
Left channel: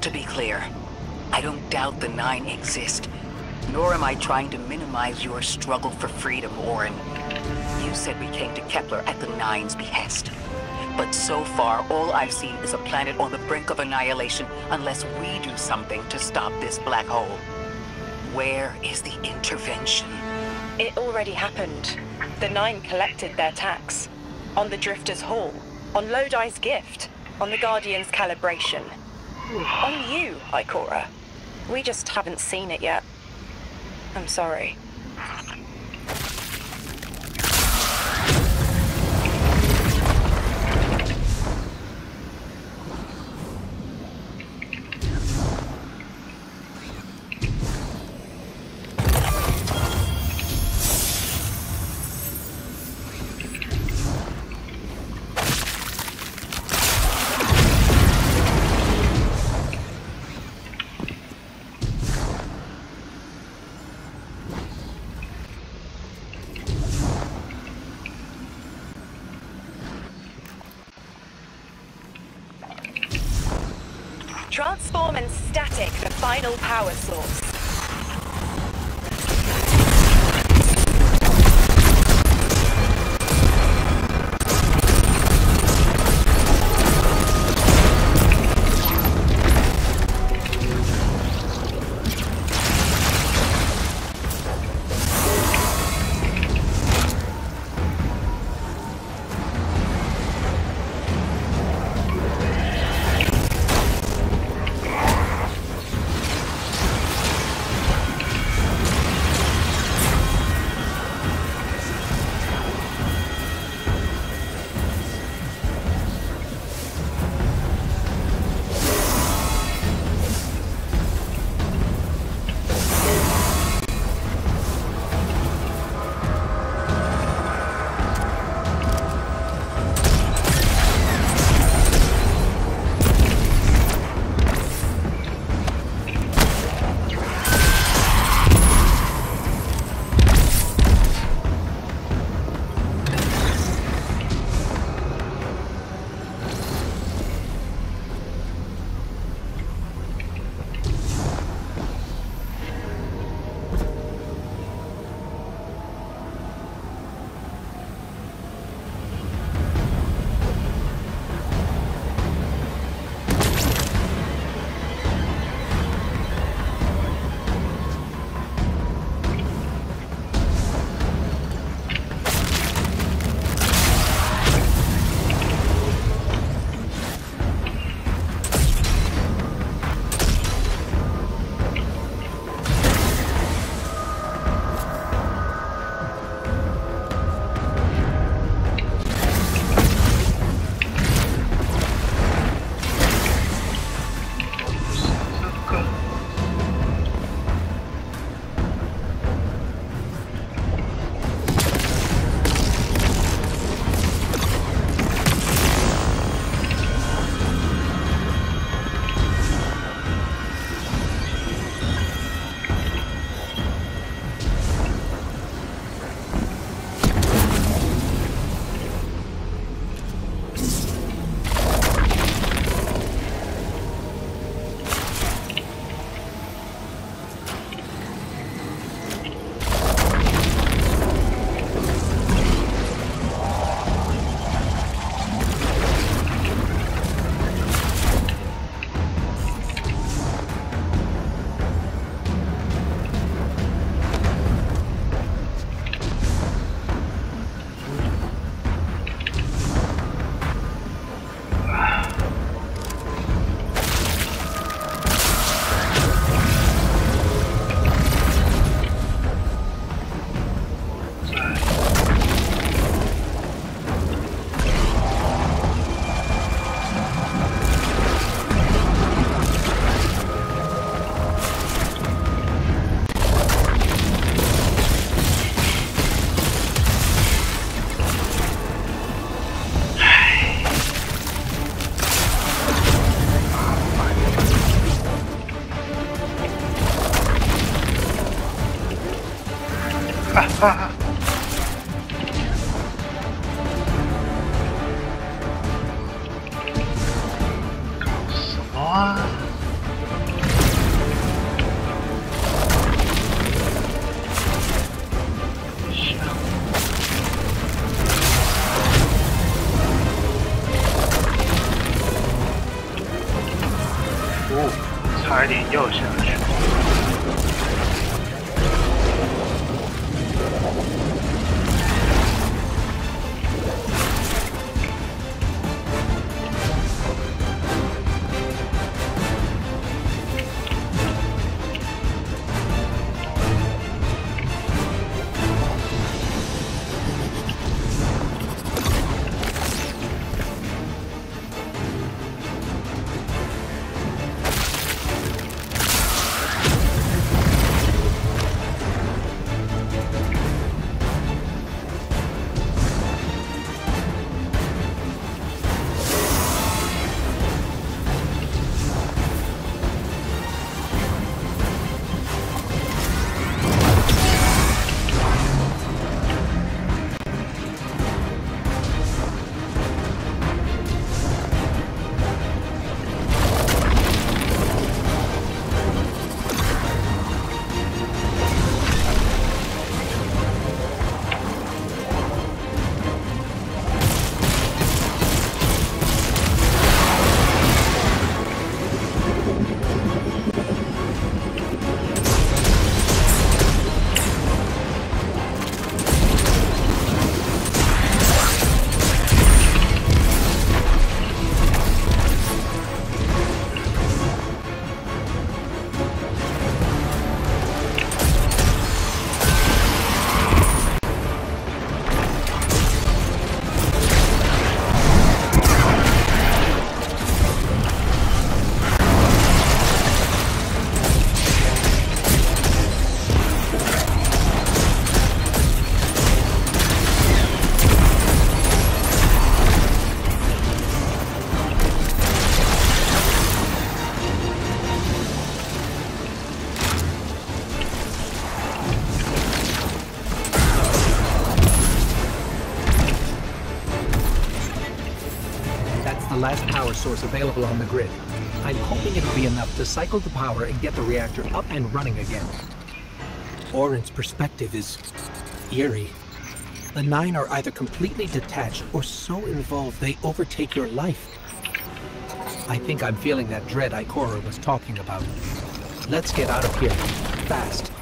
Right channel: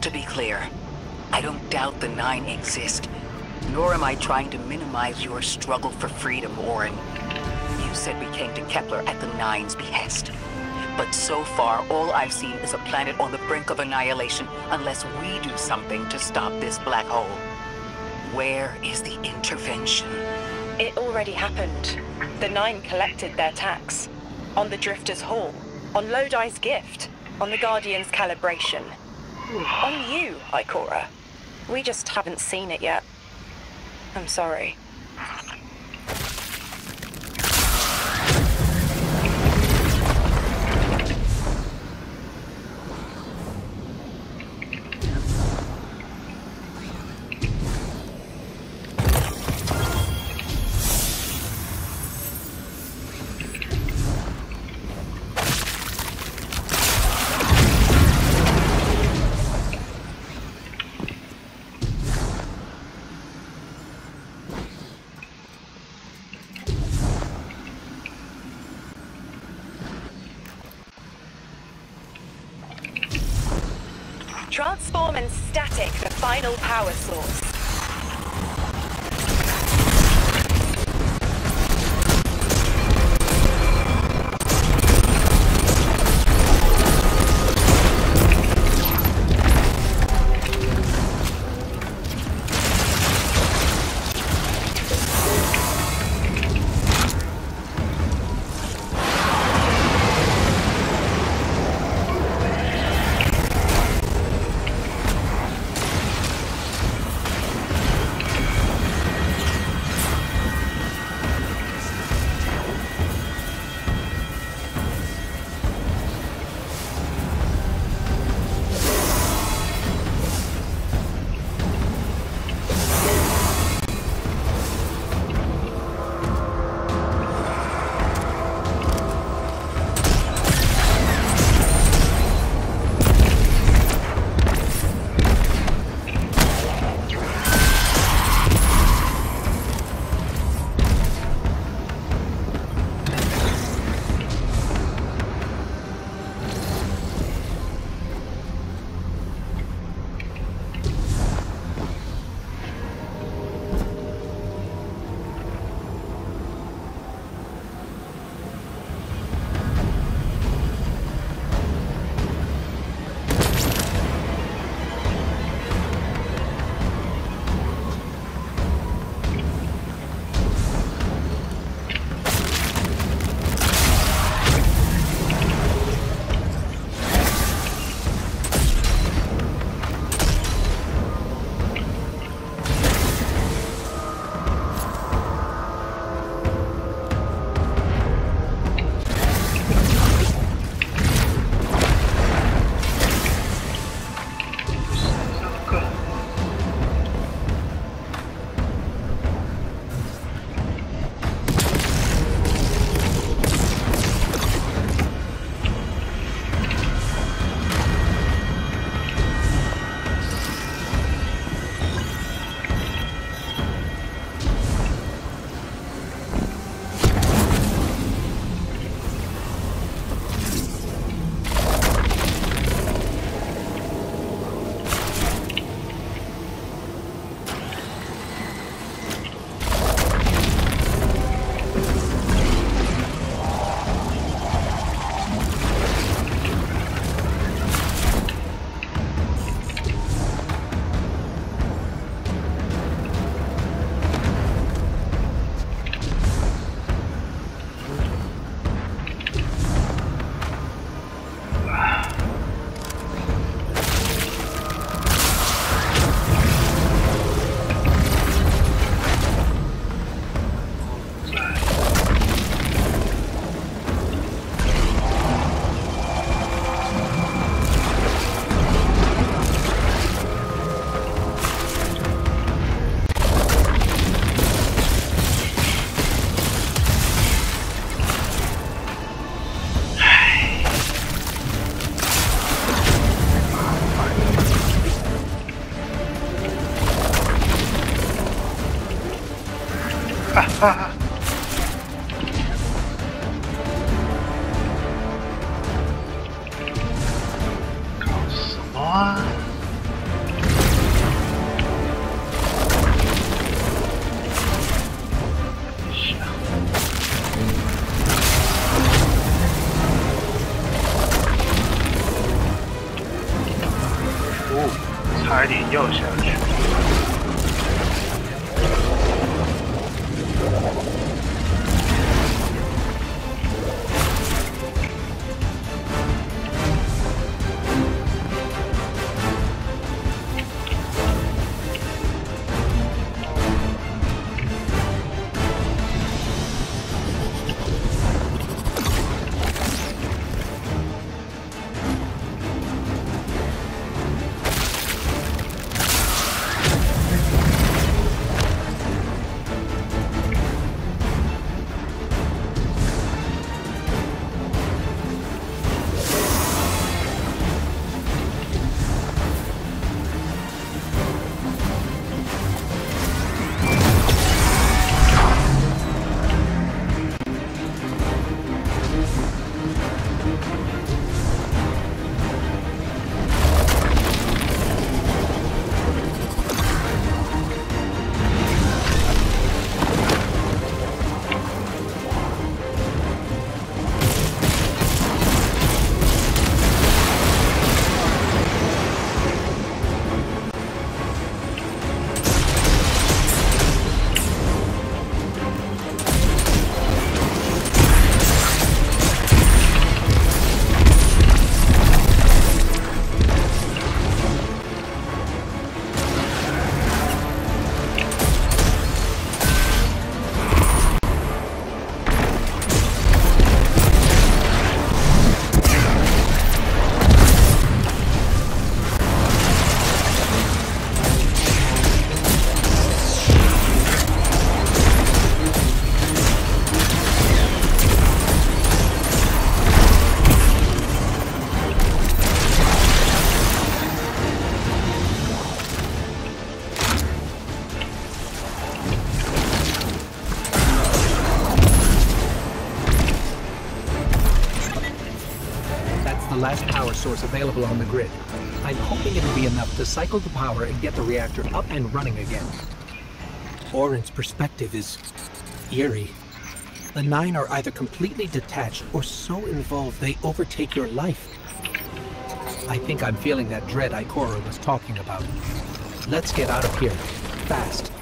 To be clear, I don't doubt the Nine exist, nor am I trying to minimize your struggle for freedom, Orin. You said we came to Kepler at the Nine's behest. But so far, all I've seen is a planet on the brink of annihilation unless we do something to stop this black hole. Where is the intervention? It already happened. The Nine collected their tax. On the Drifter's Hall, on Lodi's gift, on the Guardian's calibration. On you, Ikora. We just haven't seen it yet. I'm sorry. Transform and static the final power source. 搞什么啊？哦，差一点又下去。The last power source available on the grid. I'm hoping it'll be enough to cycle the power and get the reactor up and running again. Orin's perspective is eerie. The Nine are either completely detached or so involved they overtake your life. I think I'm feeling that dread Ikora was talking about. Let's get out of here, fast.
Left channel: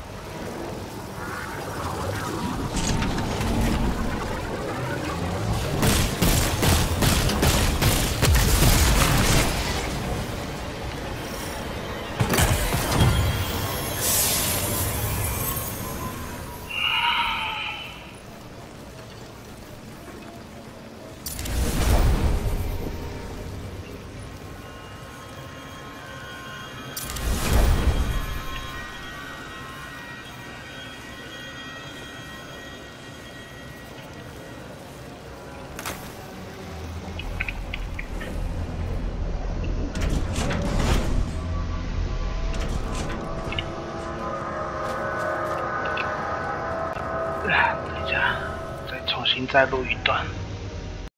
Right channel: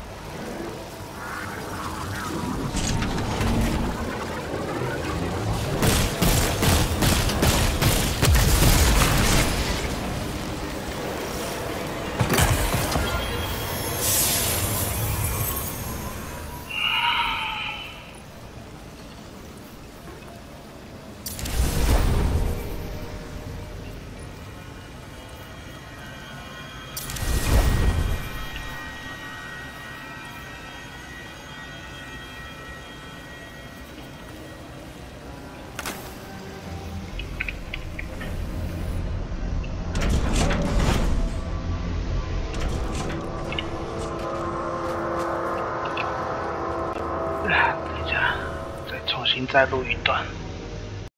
等一下，再重新再录一段。